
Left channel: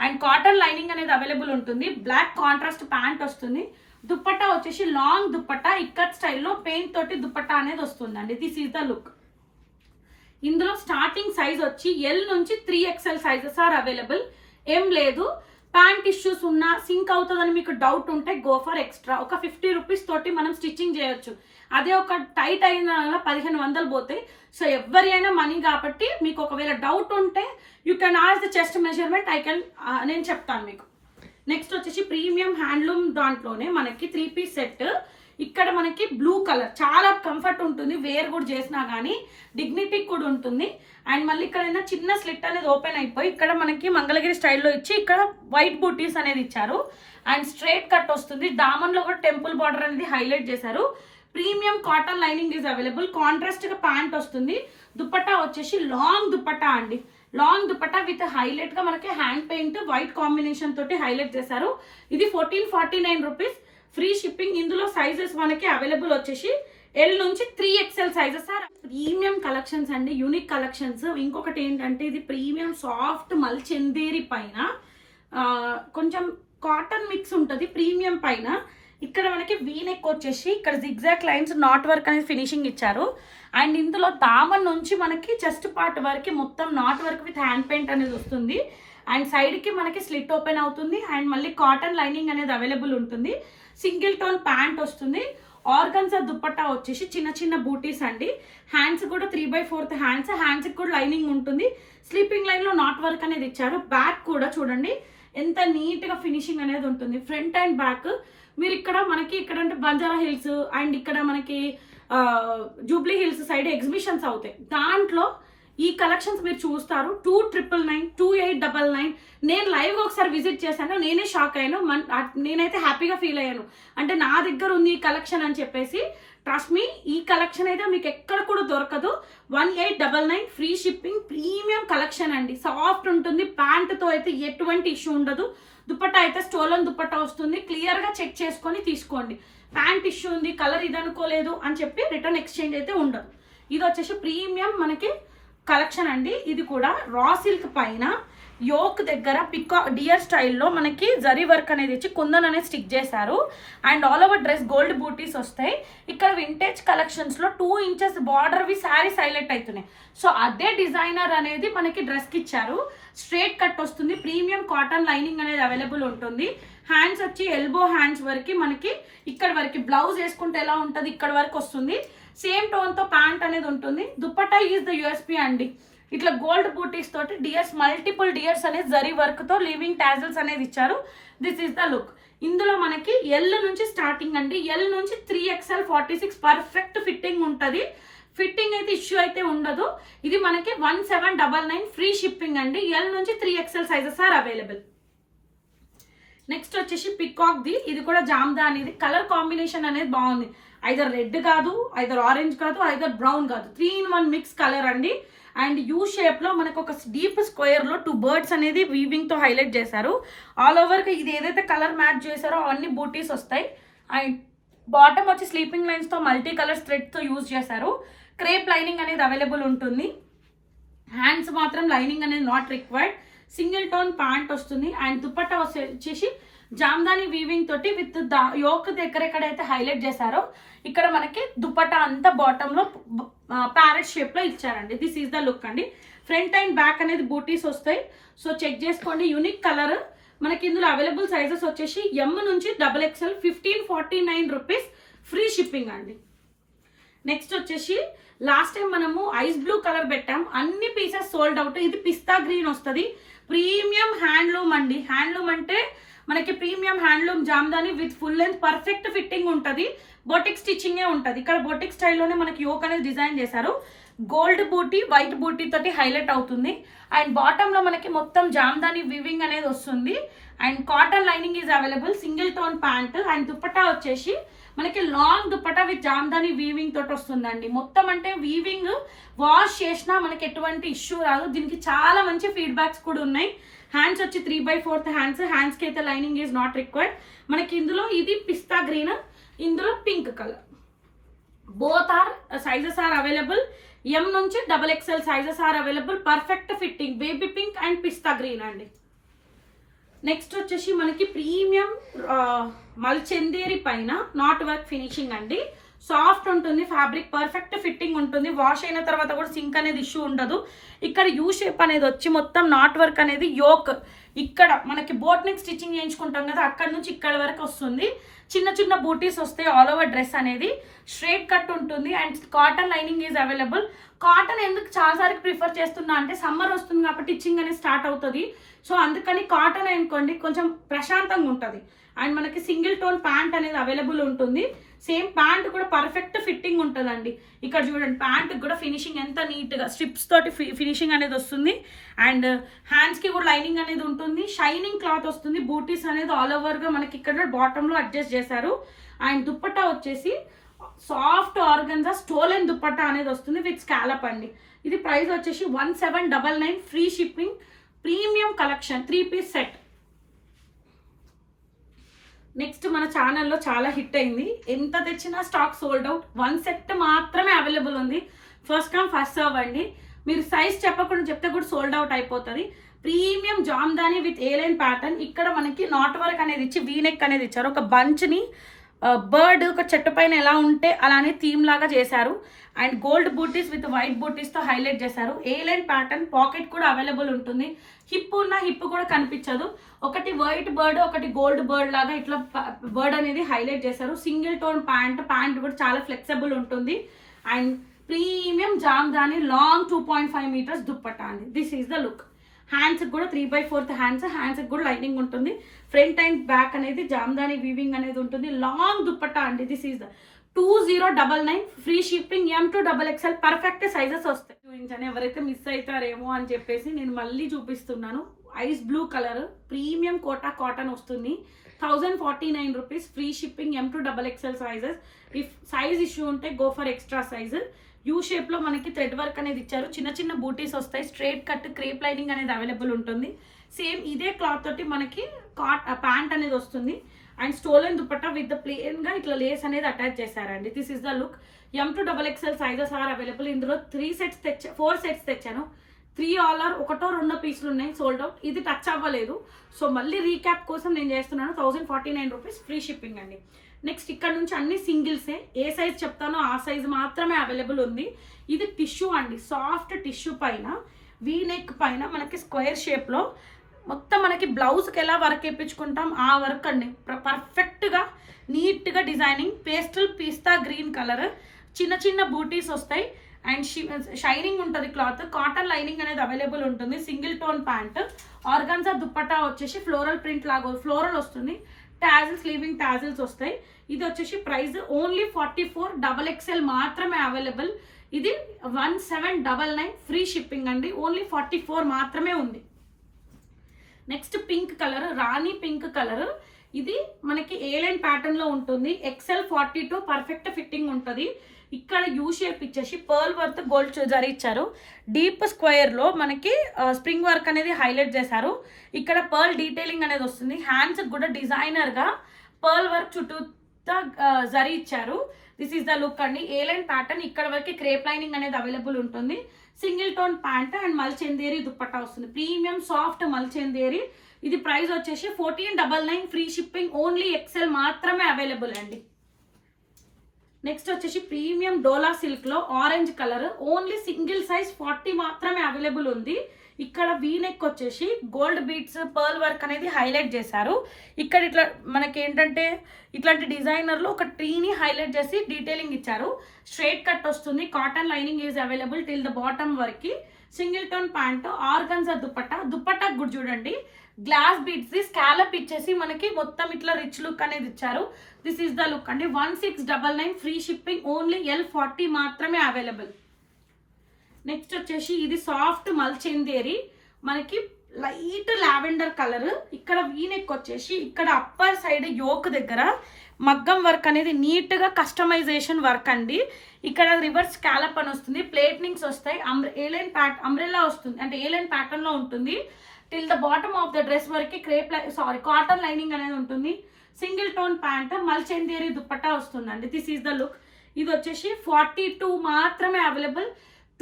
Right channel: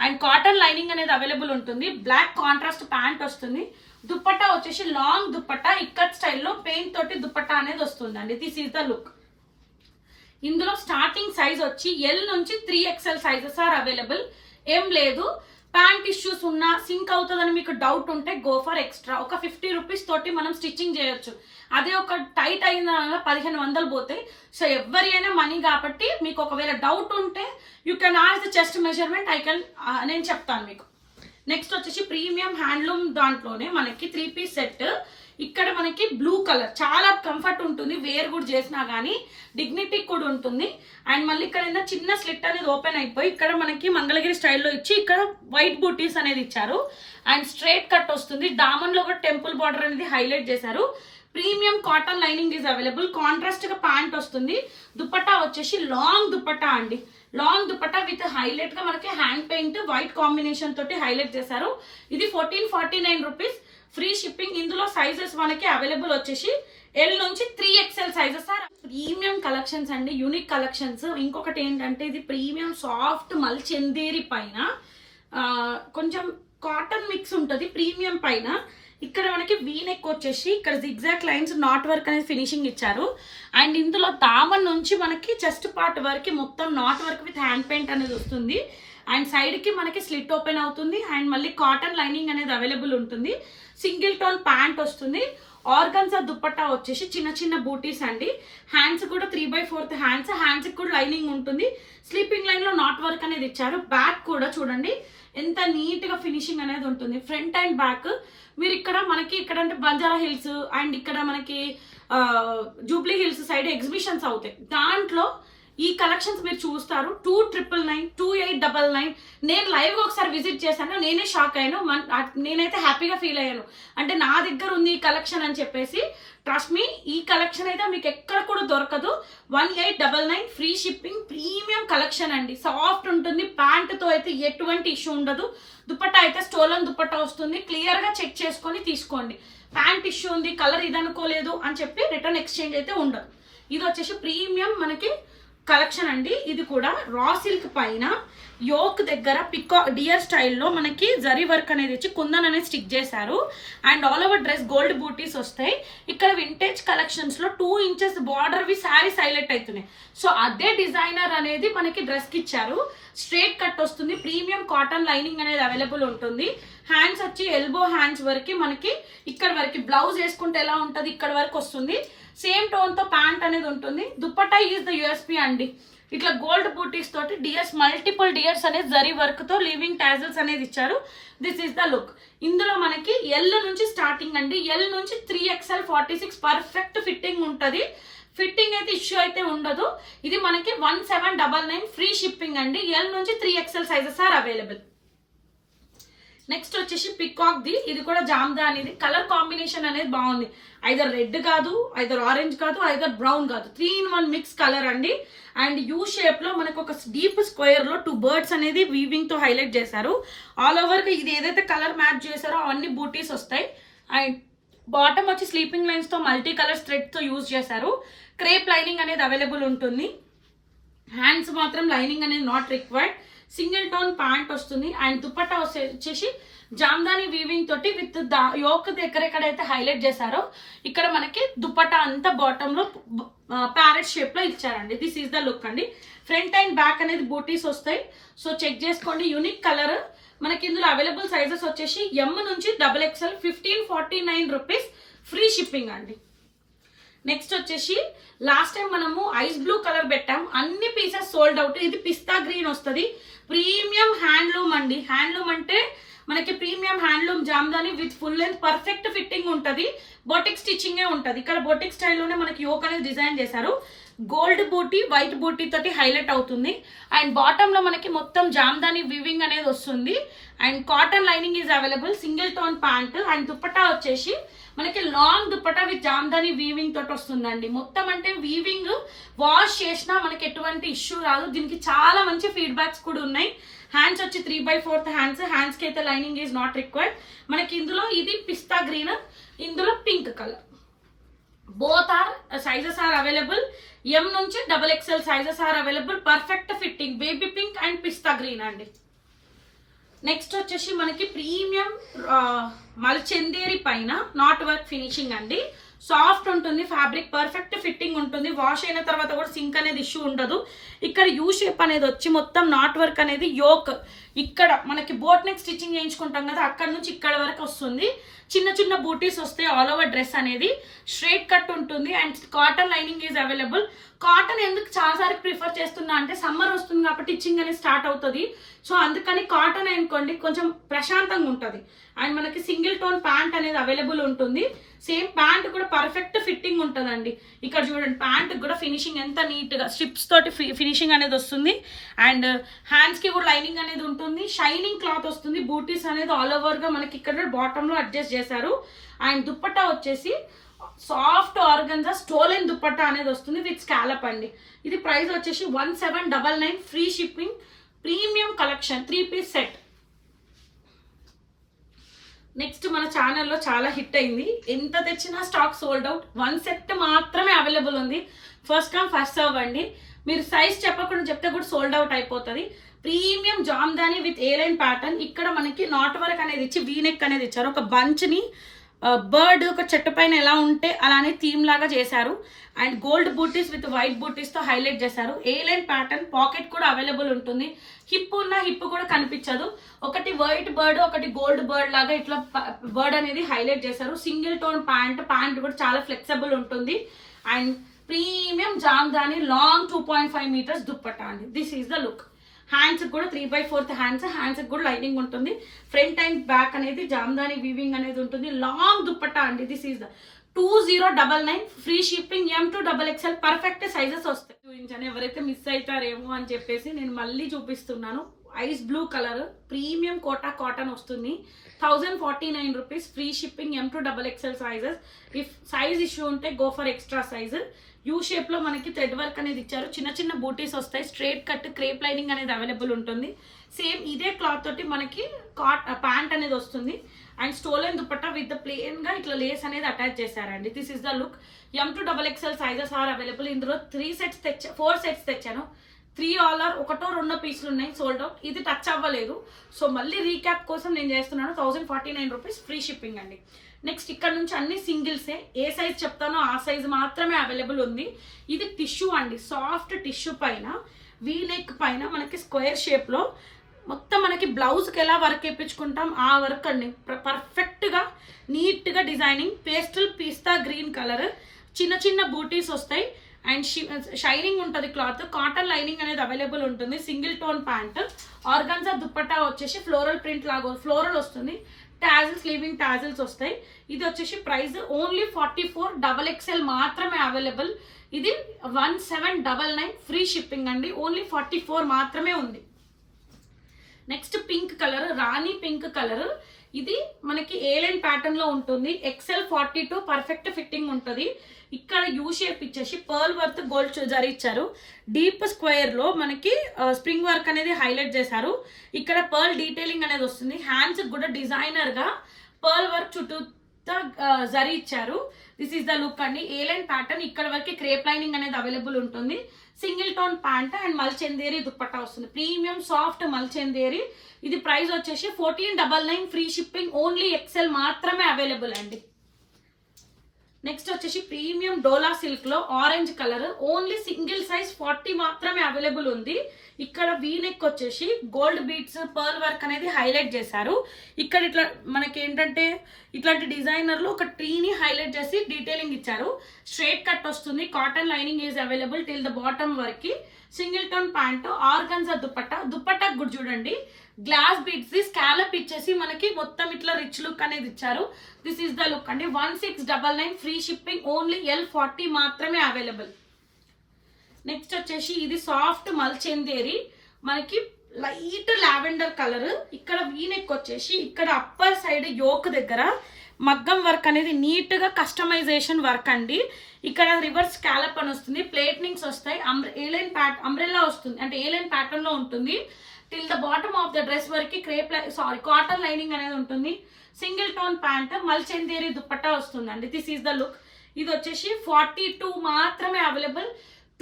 అండ్ కాటన్ లైనింగ్ అనేది అవైలబుల్ ఉంటుంది. బ్లాక్ కాంట్రాస్ట్ ప్యాంట్ వస్తుంది. దుపట్టా వచ్చేసి లాంగ్ దుపట్టా ఇక్కత్ స్టైల్లో పెయింట్ తోటి దుపట్టా అనేది వస్తుందండి. This is the look. ఇందులో స్టార్టింగ్ సైజ్ వచ్చి L నుంచి 3XL సైజెస్ ఆర్ అవైలబుల్. ఏం లేదు, ప్యాంట్ ఇష్యూస్ ఉన్నా సింక్ అవుతుందని మీకు డౌట్ ఉంటే గో ఫర్ ఎక్స్ట్రా. ఒక 50 రూపీస్ తోటి మనం స్టిచ్చింగ్ చేయొచ్చు. అదే ఒక టైట్ అయిన 1500 పోతాయి. సో ఎవరి అయినా మనీ కాబట్టి మీకు ఒకవేళ డౌట్ ఉంటే you can ask the chest measurement. నేను చెప్తాను మీకు. నెక్స్ట్ వచ్చేసి ప్రీమియం హ్యాండ్లూమ్ దాంట్లోనే మనకి 3 పీస్ సెట్. ఇక్కడ మనకి బ్లూ కలర్ చాలా కంఫర్ట్ ఉంటుంది. వేర్ కూడా చేసినా కానీ డిగ్నిటీ కూడా ఉంటుంది. అండ్ మళ్ళీ ఇక్కడ చిన్న స్లిట్ అనేది ఓపెన్ అయిపోయి ఇక్కడ మనకి మంగళగిరి స్టైల్లో ఇచ్చి ఇక్కడ వైట్ బూటీస్ అనేది ఇచ్చారు. అండ్ స్ట్రైట్ కట్ వస్తుంది. దామన్ లో కూడా టెంపుల్ బార్డర్ అనేది హైలైట్ చేశారు. Premium cotton lining is available. Contrast గా ప్యాంట్ వస్తుంది. దుపట్టా వచ్చేసి లాంగ్ దుపట్టా అండి. లాంగ్ దుపట్టా విత్ హైలైట్ గా మనకి హ్యాండ్ పెయింట్ వైట్ కాంబినేషన్ తోటి హైలైట్ చేశారు. ఇది 1449 రూపీస్, ఫ్రీ షిప్పింగ్. ఇందులో సైజెస్ మనకి అవైలబుల్ వచ్చేసి L నుంచి 3XL సైజెస్. ప్రీమియం కలెక్షన్స్ అండి, యూనిక్ కలెక్షన్స్. ఇంకొకటి ఏంటంటే ఇది ప్రీమియం సాఫ్ట్ మల్చందేరి పైన కొంచెం కాటన్ మిక్స్ ఉంటుంది ప్రీమియం పైన. ఇక్కడ మనకి వీ నెక్ వచ్చేసి ఇక్కడ జిగ్జాగ్ లైన్స్ నాట్ వర్క్ అనేది ఫినిషింగ్ ఇచ్చారు. అండ్ ఇందులో దామన్ నుంచి మనకి చెస్ట్ పార్ట్ వరకు మొత్తం not work with hand paint అనేది వస్తుంది. అండ్ సైడ్కి మనకి స్లిట్ ఓపెన్ అవుతుంది. అండ్ మళ్ళీ కాటన్ లైనింగ్ అనేది అవైలబుల్ ఉంటుంది. సింగిల్ టోన్ ప్యాంట్ వస్తుంది. ఆర్గన్జా దుపట్టా వచ్చేసి చిన్న చిన్న బూటీస్ అండి. హ్యాండ్స్ కూడా 3/4 హ్యాండ్స్కి కూడా లైనింగ్ ఉంటుంది. స్లీపింగ్ లైన్లో నాట్ వర్క్ అనేది ఇచ్చారు. బ్యాక్ కూడా చూడండి ఎంత నీట్గా ఫినిషింగ్ అనేది ఉంటుంది. ఫ్రంట్ అండ్ బ్యాక్ మీరు ఇక్కడ మనకి ఇక్కడ అంటే బంజారా హిల్స్ అండ్ ఇక్కడ మనకి జూబ్లీ హిల్స్ సైడ్ ఎగ్జిబిషన్స్ అవుతాయి. దాంట్లో ఈ కలెక్షన్స్ మీరు చూస్తారు. 2999, 2899. నేను లైవ్గా ఒకసారి విజిట్ చేశాను, నేనే షాక్ అయ్యాను. నేనైతే హ్యాపీగా ఫీల్ అయ్యాను. అంటే నా దగ్గర ఉంది ఈ కలెక్షన్ అని చెప్పేసి. ట్రస్ట్ మీ, ఈ కలెక్షన్ అయితే మీకు ఎక్కడ కూడా దొరకదు. 1899 ఫ్రీ షిప్పింగ్. ప్రీమియం కలెక్షన్ అండి, సాఫ్ట్ ఉంటుంది. ప్యాంటుతో అయితే ఎటువంటి ఇష్యూ ఉండదు. దుపట్టా అయితే స్టోలన్ దుపట్టా వస్తుంది. క్లియర్గా చెక్ చేసుకొని తీసుకోండి. ప్యాంట్ ఇష్యూ ఉంది, కలర్ ఇది అనుకోలేదు అని చెప్పి రిటర్న్ ఎక్స్చేంజ్ అయితే ఉండదు. ఇది వచ్చేసి ప్రీమియం మనకి కలెక్షన్ అండి. ఇది కూడా రా సిల్క్ పైన యోక్ దగ్గర డియర్ స్టైల్లో మనకి జరీ వర్క్ అనేది ఇచ్చి కుందన్ అనేది స్టిక్ చేశారు. And all over dress gold buttis వస్తాయి. ఇక్కడ వింటేజ్ కలెక్షన్స్లో 2 ఇంచెస్ బార్డర్వి శారీస్ హైలైట్ అవుతున్నాయి. సో అదే డిజైనర్ అనేది మనకి డ్రెస్కి ఇచ్చారు. స్ట్రేట్ కట్ వస్తుంది. ప్రీమియం కాటన్ లైనింగ్ అనేది అవైలబుల్ ఉంటుంది. హ్యాండ్స్ వచ్చి ఎల్బో హ్యాండ్స్ వరకు మనకి ఇక్కడ వరకు బ్లౌజ్ వేసుకుంటే ఎలా ఉంటుంది ఇక్కడ వరకు వస్తుంది. సేమ్ టోన్తో ప్యాంట్ అనేది ఉంటుంది. దుపట్టా ఈజ్ ద యూఎస్పీ అండి. ఇట్లా గోల్డ్ బూటీస్ తోటి డియర్స్ మల్టిపుల్ డియర్స్ అనేది జరీ వర్క్తో లివింగ్ టాజల్స్ అనేది ఇచ్చారు. This is the look. ఇందులో మనకి ఎల్ నుంచి స్టార్టింగ్ అండి. ఎల్ నుంచి 3XL 46 పర్ఫెక్ట్ ఫిట్టింగ్ ఉంటుంది. ఫిట్టింగ్ అయితే ఇష్యూ అయితే ఉండదు. ఇది మనకి 1799 ఫ్రీ షిప్పింగ్ అండి. ఎల్ నుంచి 3XL sizes are available. Next వచ్చేసి పికాక్ ది. ఇది కూడా జామ్దానిది. కలర్ కాంబినేషన్ అనేది బాగుంది. ఐదర్ రెడ్ కాదు, ఐదర్ ఆరెంజ్ కాదు, ఐదర్ బ్రౌన్ కాదు, 3-in-1 మిక్స్ కలర్ అండి. అండ్ యూ షేప్ లో మనకు ఒక డీప్ స్క్వేర్ లో 2 బర్డ్స్ అనేది వీవింగ్ తో హైలైట్ చేశారు. ఆల్ ఓవర్ గా ఇది ఏదైతే కలర్ మ్యాచ్ చేశారో అవన్నీ బూటీస్ వస్తాయి. అండ్ బాటమ్ వచ్చి స్లీపింగ్ లైన్స్ తో మల్టీ కలర్ థ్రెడ్ తో యూజ్ చేశారు. క్రేప్ లైనింగ్ అనేది అవైలబుల్ ఉంటుంది. హ్యాండ్స్ మాత్రం లైనింగ్ అనేది not required. Single tone pant వస్తుంది. అండ్ దుపట్టా వచ్చేసి జామ్దాని వీవింగ్ తోటి విత్ యోక్ దగ్గర ఎక్కడైతే హైలైట్ చేశారో ఇక్కడ మనకి దుపట్టా అంతా బాటమ్ లో ప్యారెట్ షేప్ లో ఇచ్చారండి. దిస్ ఈస్ ద లుక్ అండి. ఫ్రంట్ అండ్ బ్యాక్ అనేది బూటీస్ వస్తాయి. సో చెక్ చేసుకోండి. Unique colour. మనకి ఇందులో అవైలబుల్ సైజెస్ వచ్చేసి M నుంచి XXL 1549 రూపీస్ ఫ్రీ షిప్పింగ్ అండి. నెక్స్ట్ వచ్చేసి లాస్ట్ టైం మనము ఐస్ బ్లూ కలర్ పెట్టాం, అన్ని పీసెస్ సోల్డ్ అవుట్. ఇది పిస్తా గ్రీన్ వస్తుంది. ప్రీమియం హ్యాండ్లూమ్ అండి. హ్యాండ్లూమ్ అంటే మనకి premium handloom Jamdani with full length perfect fitting ఉంటుంది. బొటిక్ స్టిచ్చింగే ఉంటుంది. ఇక్కడ బొటిక్ స్టైల్లోనే మనకి యోక్ అనేది డిజైన్ చేశారు. గోల్డ్ బూటీ వైట్ బూటీ తోటి హైలైట్ అవుతుంది. అండ్ బాటమ్ లో మనకి మొత్తం జామ్దాని వీవింగ్ అనేది వస్తుంది. And cotton lining is available. Single tone pant. And dupatta వచ్చేసి మనకి long dupatta with Jamdani weaving తోటి వస్తుందండి. మొత్తం అంటే వీవింగ్ వాష్ చేసినా మనకి ఎటువంటి ఇష్యూ రాదు. దీనికి చాలా మంచి ఫీడ్బ్యాక్స్ కూడా ఉన్నాయి. హ్యాండ్స్ వచ్చి 3/4 హ్యాండ్స్కి అయితే లైనింగ్ ఈజ్ నాట్ రిక్వైర్డ్. మనకి ఇందులో ఇది పిస్తా గ్రీన్, ఇందులో pink colour. Both are sizes are available. M నుంచి XXL sizes are available. Perfect fitting. Baby pink and pista green అండి. నెక్స్ట్ వచ్చేసి మనకి ప్రీమియం మల్చందేరి పైన నాట్ వర్క్ ఫినిషింగ్ అండి. సాఫ్ట్ ఉంటుంది ఫ్యాబ్రిక్. పర్ఫెక్ట్ ఫిట్టింగ్ ఉంటుంది. వాష్ అయిన తర్వాత కూడా సింక్ అనేది ఇష్యూ ఉండదు. ఇక్కడ యూ షేప్ అనేది వచ్చి మొత్తం నాట్ వర్క్ అనేది యోక్ ఇక్కడ మనకి బోట్ నెక్ స్టిచ్చింగ్ చేయించుకుంటాం కదా, అక్కడ నుంచి ఇక్కడ వరకు వస్తుంది. చిన్న చిన్న బూటీస్ వస్తాయి. ఆల్ ఓవర్ డ్రెస్ అనేది స్ట్రైట్ కట్ ఉంటుంది. And cotton lining is available. Cotton ఎందుకు చాలాసార్లు ప్రిఫర్ చేస్తున్నా అంటే సమ్మర్ వస్తుంది కాబట్టి టిచ్చింగ్ అనేది స్టార్ట్ అవుతుంది. సో అందుకని కాటన్ అనుకోండి కొంచెం ప్రశాంతంగా ఉంటుంది. అండ్ మనకి సింగిల్ టోన్ ప్యాంట్ అనేది అవైలబుల్ ఉంటుంది. సేమ్ ప్యాంట్ కూడా పర్ఫెక్ట్ ఫిట్టింగ్ ఉంటుందండి. ఇక్కడ చూడండి ప్యాంట్ కూడా ఫినిషింగ్ ఎంత నీట్గా స్ట్రిప్స్ తోటి ఫినిషింగ్ అనేది వస్తుంది. అండ్ హ్యాండ్స్కి కూడా లైనింగ్ అనేది ఉంటుంది. షైనింగ్ క్లాత్ వస్తుంది. బూటీస్ అనేది ఆల్ ఓవర్గా మనకి ఇక్కడ బాటంలో అడ్జస్ట్ చేశారు. అండ్ దుపట్టా వచ్చేసి సాఫ్ట్ ఆర్గన్జా స్టోలెన్ దుపట్టా అనేది వస్తుంది విత్ స్కాలప్ అండి. ఇది ప్రైస్ వచ్చేసి 1799 free shipping. Premium collection 3 piece set. Next మన ఛానల్లో చాలా హిట్ అయింది, ఎంత తెచ్చినా స్టాక్ సోల్డ్ అవుట్. 1 సెట్ మాత్రమే అవైలబుల్ ఉంది. ఫస్ట్ కమ్ ఫస్ట్ సర్వ్ అండి. మీరు సైజ్ చెప్పకుండా చెప్తే కూడా సోల్డ్ అవుట్ అయిపోతుంది. Premium Jamdani with A line pattern. ఇక్కడ మనకి నాట్ వర్క్ అనేది ఇచ్చి వీనెక్ అనేది ఇచ్చారు. ఒక బంచ్ని బర్డ్ ఒక చెట్టు పైన ఎలా ఉంటే అలానే థీమ్ లాగా చేశారు. And gold buttis with white బూటీస్తో హైలైట్ చేశారు. ఏలైన్ ప్యాటర్న్, పాకెట్ కూడా అవైలబుల్ ఉంటుంది. హిప్ ఉన్న హిప్ కూడా కనిపించదు. ఒకటి వైట్ బర్డ్, ఒకటి గోల్డ్ బర్డ్ లాగా ఇట్లా బర్డ్ అనేది హైలైట్ చేశారు. సింగిల్ టోన్ ప్యాంట్ కూడా చాలా ఫ్లెక్సిబుల్ ఉంటుంది. And premium jamdani long 2.5 metres dupatta అండి. This is the look. Hands కూడా 3/4 హ్యాండ్స్ కూడా లైనింగ్ ఉంటుంది. ఫ్రంట్ అండ్ బ్యాక్ అనేది జామ్దాని వీవింగ్ అనేది ఉంటుంది. లాంగ్ దుప్పట్టా అండి. This is the 2099 free shipping. M2XXL perfect sizes వస్తాయి. చూపించాను, ఎవరైతే మిస్ అవుతారేమో అని చెప్పేసి నేను మళ్ళీ చూపిస్తున్నాను. Ice blue colour premium quota cotton వస్తుంది. 1049 rupees free shipping. M2XXL sizes. If size issue ఉంటే go for extra size. U షేప్లో మనకి థ్రెడ్ వర్క్ అనేది ఇచ్చారు. చిన్న చిన్న బూటీస్ వస్తాయి. స్ట్రైట్ కట్ క్రేప్ లైనింగ్ అనేది అవైలబుల్ ఉంటుంది. సేమ్ ఇదే క్లాత్ తోటి మనకి ప్యాంట్ అనేది వస్తుంది. అండ్ స్టోలెన్ దుపట్టా విత్ ప్లెయిన్గా ఇట్లా లేస్ అనేది అటాచ్ చేశారండి. This is the look. M2XXL sizes are available. ఇందులో 4 సెట్స్ తెచ్చాను. 3 ఆల్ ఒకటో 2 పీసులు ఉన్నాయి సోల్డ్ అవుట్. ఇది టచ్ అవ్వలేదు. సో మళ్ళీ రీక్యాప్ కోసం నేను చేస్తున్నాను. 1049 రూపీస్ ఫ్రీ షిప్పింగ్ అండి. నెక్స్ట్ ఇక్కడ నుంచి అన్ని సింగిల్సే. ఏ సైజ్ చెప్తానో ఆ సైజ్ మాత్రమే అవైలబుల్ ఉంది. ఇది టిష్యూ అండి. సాఫ్ట్ టిష్యూ పైన వీనెక్ పైన మనకి స్క్వేర్ షేప్లో మొత్తం మనకి బ్లౌజ్కి ఎలా వర్క్ వేయించుకుంటాం ఆ వర్క్ అండి. పర్ఫెక్ట్గా నీట్గా డిజైనింగ్. పేస్టల్ పిస్తా గ్రీన్ కలర్. చిన్న చిన్న బూటీస్ వస్తాయి. అండ్ షైనింగ్ ఉంటుంది క్లాత్. కాటన్ లైనింగ్ అనేది అవైలబుల్ ఉంటుంది. Single tone pant. Organza dupatta వచ్చేసి ఫ్లోరల్ ప్రింట్ లాగా ఫ్లోరల్ వస్తుంది. టాజిల్స్, లీవింగ్ టాజిల్స్ వస్తాయి. ఇది వచ్చేసి ప్రైస్ ఓన్లీ 44XXL మాత్రమే అవైలబుల్. ఇది 1799 ఫ్రీ షిప్పింగ్ అండి. ఓన్లీ 44 మాత్రమే ఉంది. నెక్స్ట్ పింక్ కలర్, రాణి పింక్ కలర్. ఇది మనకి ఏలైన్ ప్యాటర్న్ లో ఉంటుంది. XL 42 పర్ఫెక్ట్ ఫిట్టింగ్ ఉంటుంది. ఇక్కడ యూ షేప్ ఇచ్చేసి పర్ల్ వర్త్ గోల్డ్ జరీ ఇచ్చారు. డీప్ స్క్వేర్ లో మనకి స్ప్రింగ్ వర్క్ అనేది హైలైట్ చేశారు. ఇక్కడ పర్ల్ డీటెయిలింగ్ అనేది వస్తుంది. హ్యాండ్స్ కూడా డిజైనర్ గా పర్ల్ వర్క్ చుట్టూ జరీ ఇచ్చారు. దిస్ ఈస్ ద లుక్ అండి. A line pattern. ఇక్కడ వరకు క్రేప్ లైనింగ్ అనేది అవైలబుల్ ఉంటుంది. Single tone pant and mul chanderi dupatta వస్తుంది. Premium soft mul chanderi. ఇది ప్రైస్ వచ్చేసి 1499 ఫ్రీ షిప్పింగ్. ఓన్లీ XL మాత్రమే అవైలబుల్ అండి. నెక్స్ట్ వచ్చేసి ప్రీమియం డోలా సిల్క్ లో orange colour. Only single size 40 మాత్రమే అవైలబుల్ ఉంది. ఇక్కడ వీనెక్ వచ్చేసి గోల్డ్ బీట్స్ పర్ల్ వర్క్ అనేది హైలైట్ చేశారు. ఇక్కడ ఇట్లా మనకి ఏంటంటే ఇట్లాంటి డిజైనర్లో ఒక ట్రీని హైలైట్ చేసి డీటెయిలింగ్ ఇచ్చారు. స్ట్రైట్ కట్ వస్తుంది. Cotton lining is available till the bottom వరకు. Single tone pant. Organza dupatta కూడా చూడండి గ్లాస్ బీట్స్ ది స్కాలప్ ఇచ్చేసి మనకి మొత్తం ఇట్లా రిచ్ లుక్ అనేది ఇచ్చారు. దిస్ ఈస్ ద లుక్ అండి. 1699 ఫ్రీ షిప్పింగ్. ఓన్లీ L40 మాత్రమే అవైలబుల్. నెక్స్ట్ వచ్చేసి ఇది సాఫ్ట్ మల్చందేరి. మనకి లైట్ లావెండర్ కలర్. ఇక్కడ వీనెక్ వచ్చేసి ఇక్కడ అప్పర్ సైడ్ యోక్ దగ్గర మగ్గం వర్క్ అనేది నీట్గా కస్టమైజేషన్ వర్క్ అండి. ఇక్కడ రివర్స్ స్కాలప్ అని వస్తుంది. ప్లేట్నింగ్స్ వస్తాయి. అంబ్రెల్లా వస్తుంది, అంటే ఏలైన్ ప్యాటర్న్ లో ఉంటుంది. Till the bottom of the dress వరకు కాటన్ లైనింగ్ అనేది ఉంటుంది. సింగిల్ టోన్ ప్యాంట్, మల్చందేరి దుపట్టా వస్తుందండి. This is the look. ఇది వచ్చేసి 42 మాత్రమే అవైలబుల్.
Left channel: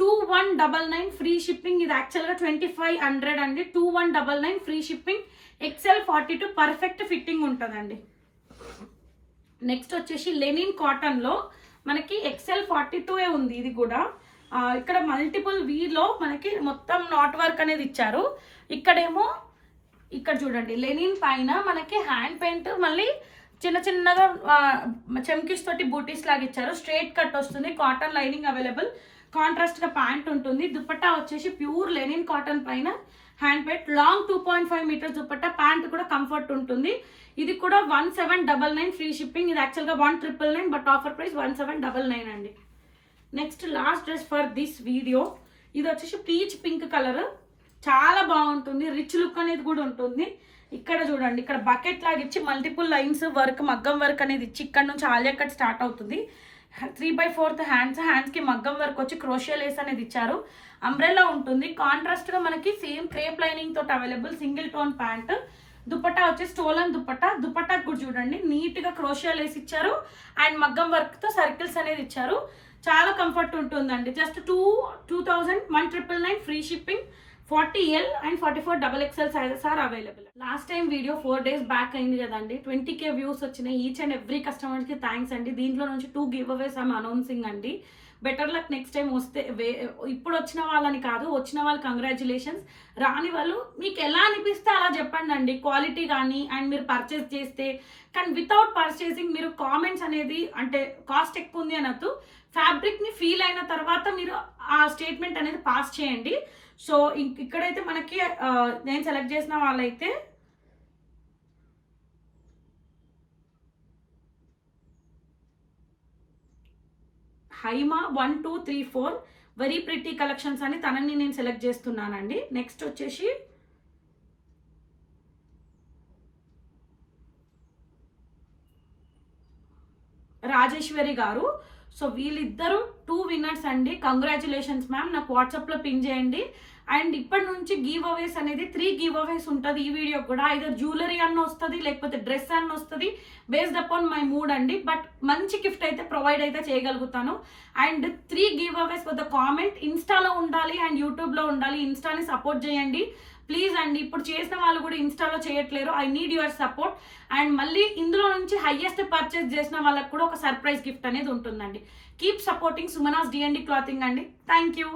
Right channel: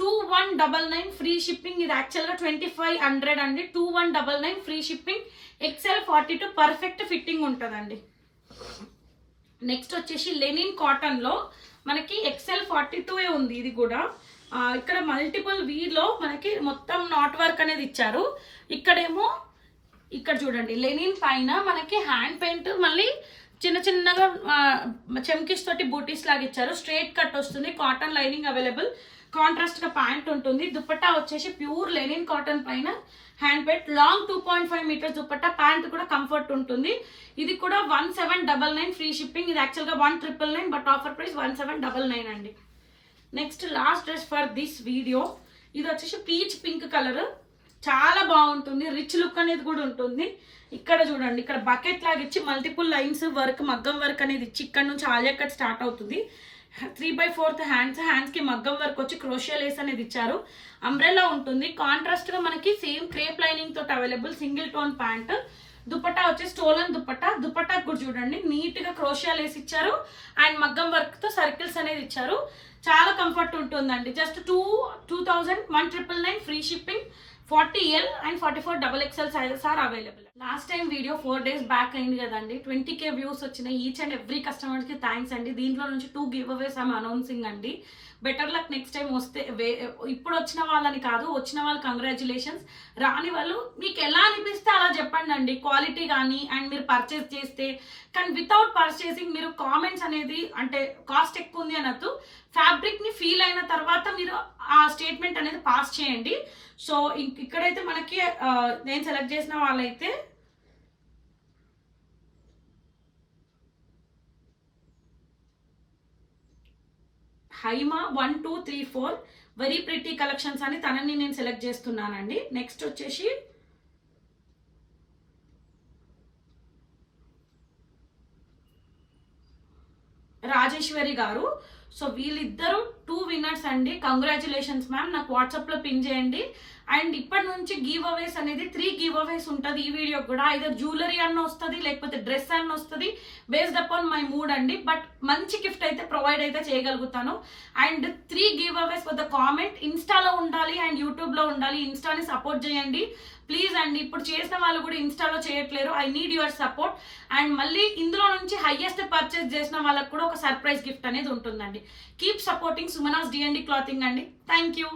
2199 free shipping. ఇది యాక్చువల్గా 2500 అండి. 2199 free shipping. XL 42 perfect fitting ఉంటుందండి. నెక్స్ట్ వచ్చేసి లెనిన్ కాటన్ లో మనకి XL 42 ఉంది. ఇది కూడా ఇక్కడ మల్టిపుల్ వీలో మనకి మొత్తం నాట్ వర్క్ అనేది ఇచ్చారు. ఇక్కడేమో ఇక్కడ చూడండి లెనిన్ పైన మనకి హ్యాండ్ పెయింట్ మళ్ళీ చిన్న చిన్నగా చెమ్కిస్ తోటి బూటీస్ లాగా ఇచ్చారు. స్ట్రైట్ కట్ వస్తుంది. Cotton lining available. కాంట్రాస్ట్ గా ప్యాంట్ ఉంటుంది. దుపట్టా వచ్చేసి ప్యూర్ లెనిన్ కాటన్ పైన hand paint. Long 2.5 metres dupatta. Pant కూడా కంఫర్ట్ ఉంటుంది. ఇది కూడా 1799 ఫ్రీ షిప్పింగ్. ఇది యాక్చువల్గా 1999 బట్ ఆఫర్ ప్రైస్ 1799 అండి. Next last dress for this video. ఇది వచ్చేసి పీచ్ పింక్ కలర్. చాలా బాగుంటుంది. రిచ్ లుక్ అనేది కూడా ఉంటుంది. ఇక్కడ చూడండి ఇక్కడ బకెట్ లాగా ఇచ్చి మల్టిపుల్ లైన్స్ వర్క్ మగ్గం వర్క్ అనేది ఇచ్చి ఇక్కడ నుంచి ఆలియా కట్ స్టార్ట్ అవుతుంది. 3/4 హ్యాండ్స్కి మగ్గం వర్క్ వచ్చి క్రోషియా లేస్ అనేది ఇచ్చారు. అంబ్రెలా ఉంటుంది. కాంట్రాస్ట్గా మనకి సేమ్ క్రేప్ లైనింగ్ తోటి available single tone pant. Dupatta వచ్చి స్టోలన్ దుపట్టా కూడా చూడండి నీట్గా క్రోషియా లేస్ ఇచ్చారు అండ్ మగ్గం వర్క్తో సర్కిల్స్ అనేది ఇచ్చారు. చాలా కంఫర్ట్ ఉంటుందండి. Just 2,199 free shipping. 40L and 44XXL sizes are available. Last time video 4 days back అయింది కదండి. 20K వ్యూస్ వచ్చినాయి. ఈచ్ అండ్ ఎవ్రీ కస్టమర్కి థ్యాంక్స్ అండి. దీంట్లో నుంచి 2 గివ్ అవేస్ ఐమ్ అనౌన్సింగ్ అండి. బెటర్ లక్ నెక్స్ట్ టైం వస్తే. ఇప్పుడు వచ్చిన వాళ్ళని కాదు, వచ్చిన వాళ్ళు కంగ్రాచులేషన్స్. రాని వాళ్ళు మీకు ఎలా అనిపిస్తే అలా చెప్పండి అండి. క్వాలిటీ కానీ అండ్ మీరు పర్చేస్ చేస్తే కానీ వితౌట్ పర్చేసింగ్ మీరు కామెంట్స్ అనేది అంటే కాస్ట్ ఎక్కువ ఉంది అనొద్దు. ఫ్యాబ్రిక్ని ఫీల్ అయిన తర్వాత మీరు ఆ స్టేట్మెంట్ అనేది పాస్ చేయండి. సో ఇక్కడైతే మనకి నేను సెలెక్ట్ చేసిన వాళ్ళైతే హైమా 1, 2, 3, 4 వెరీ ప్రిటీ కలెక్షన్స్ అని తనని నేను సెలెక్ట్ చేస్తున్నానండి. నెక్స్ట్ వచ్చేసి రాజేశ్వరి గారు. సో వీళ్ళిద్దరూ 2 winners అండి. Congratulations ma'am. నాకు వాట్సాప్లో పింగ్ చేయండి. అండ్ ఇప్పటి నుంచి గివ్ అవేస్ అనేది 3 గివ్ అవేస్ ఉంటుంది ఈ వీడియో కూడా. ఐదర్ జ్యువెలరీ అన్న వస్తుంది లేకపోతే డ్రెస్ అన్న వస్తుంది. బేస్డ్ అపాన్ మై మూడ్ అండి. బట్ మంచి గిఫ్ట్ అయితే ప్రొవైడ్ అయితే చేయగలుగుతాను. And 3 giveaways with the comment ఇన్స్టాలో ఉండాలి అండ్ యూట్యూబ్లో ఉండాలి. ఇన్స్టాని సపోర్ట్ చేయండి ప్లీజ్ అండి. ఇప్పుడు చేసిన వాళ్ళు కూడా ఇన్స్టాలో చేయట్లేరు. I need your support. And మళ్ళీ ఇందులో నుంచి హైయెస్ట్ పర్చేస్ చేసిన వాళ్ళకి కూడా ఒక సర్ప్రైజ్ గిఫ్ట్ అనేది ఉంటుందండి. Keep supporting Sumanas D&D clothing అండి. Thank you.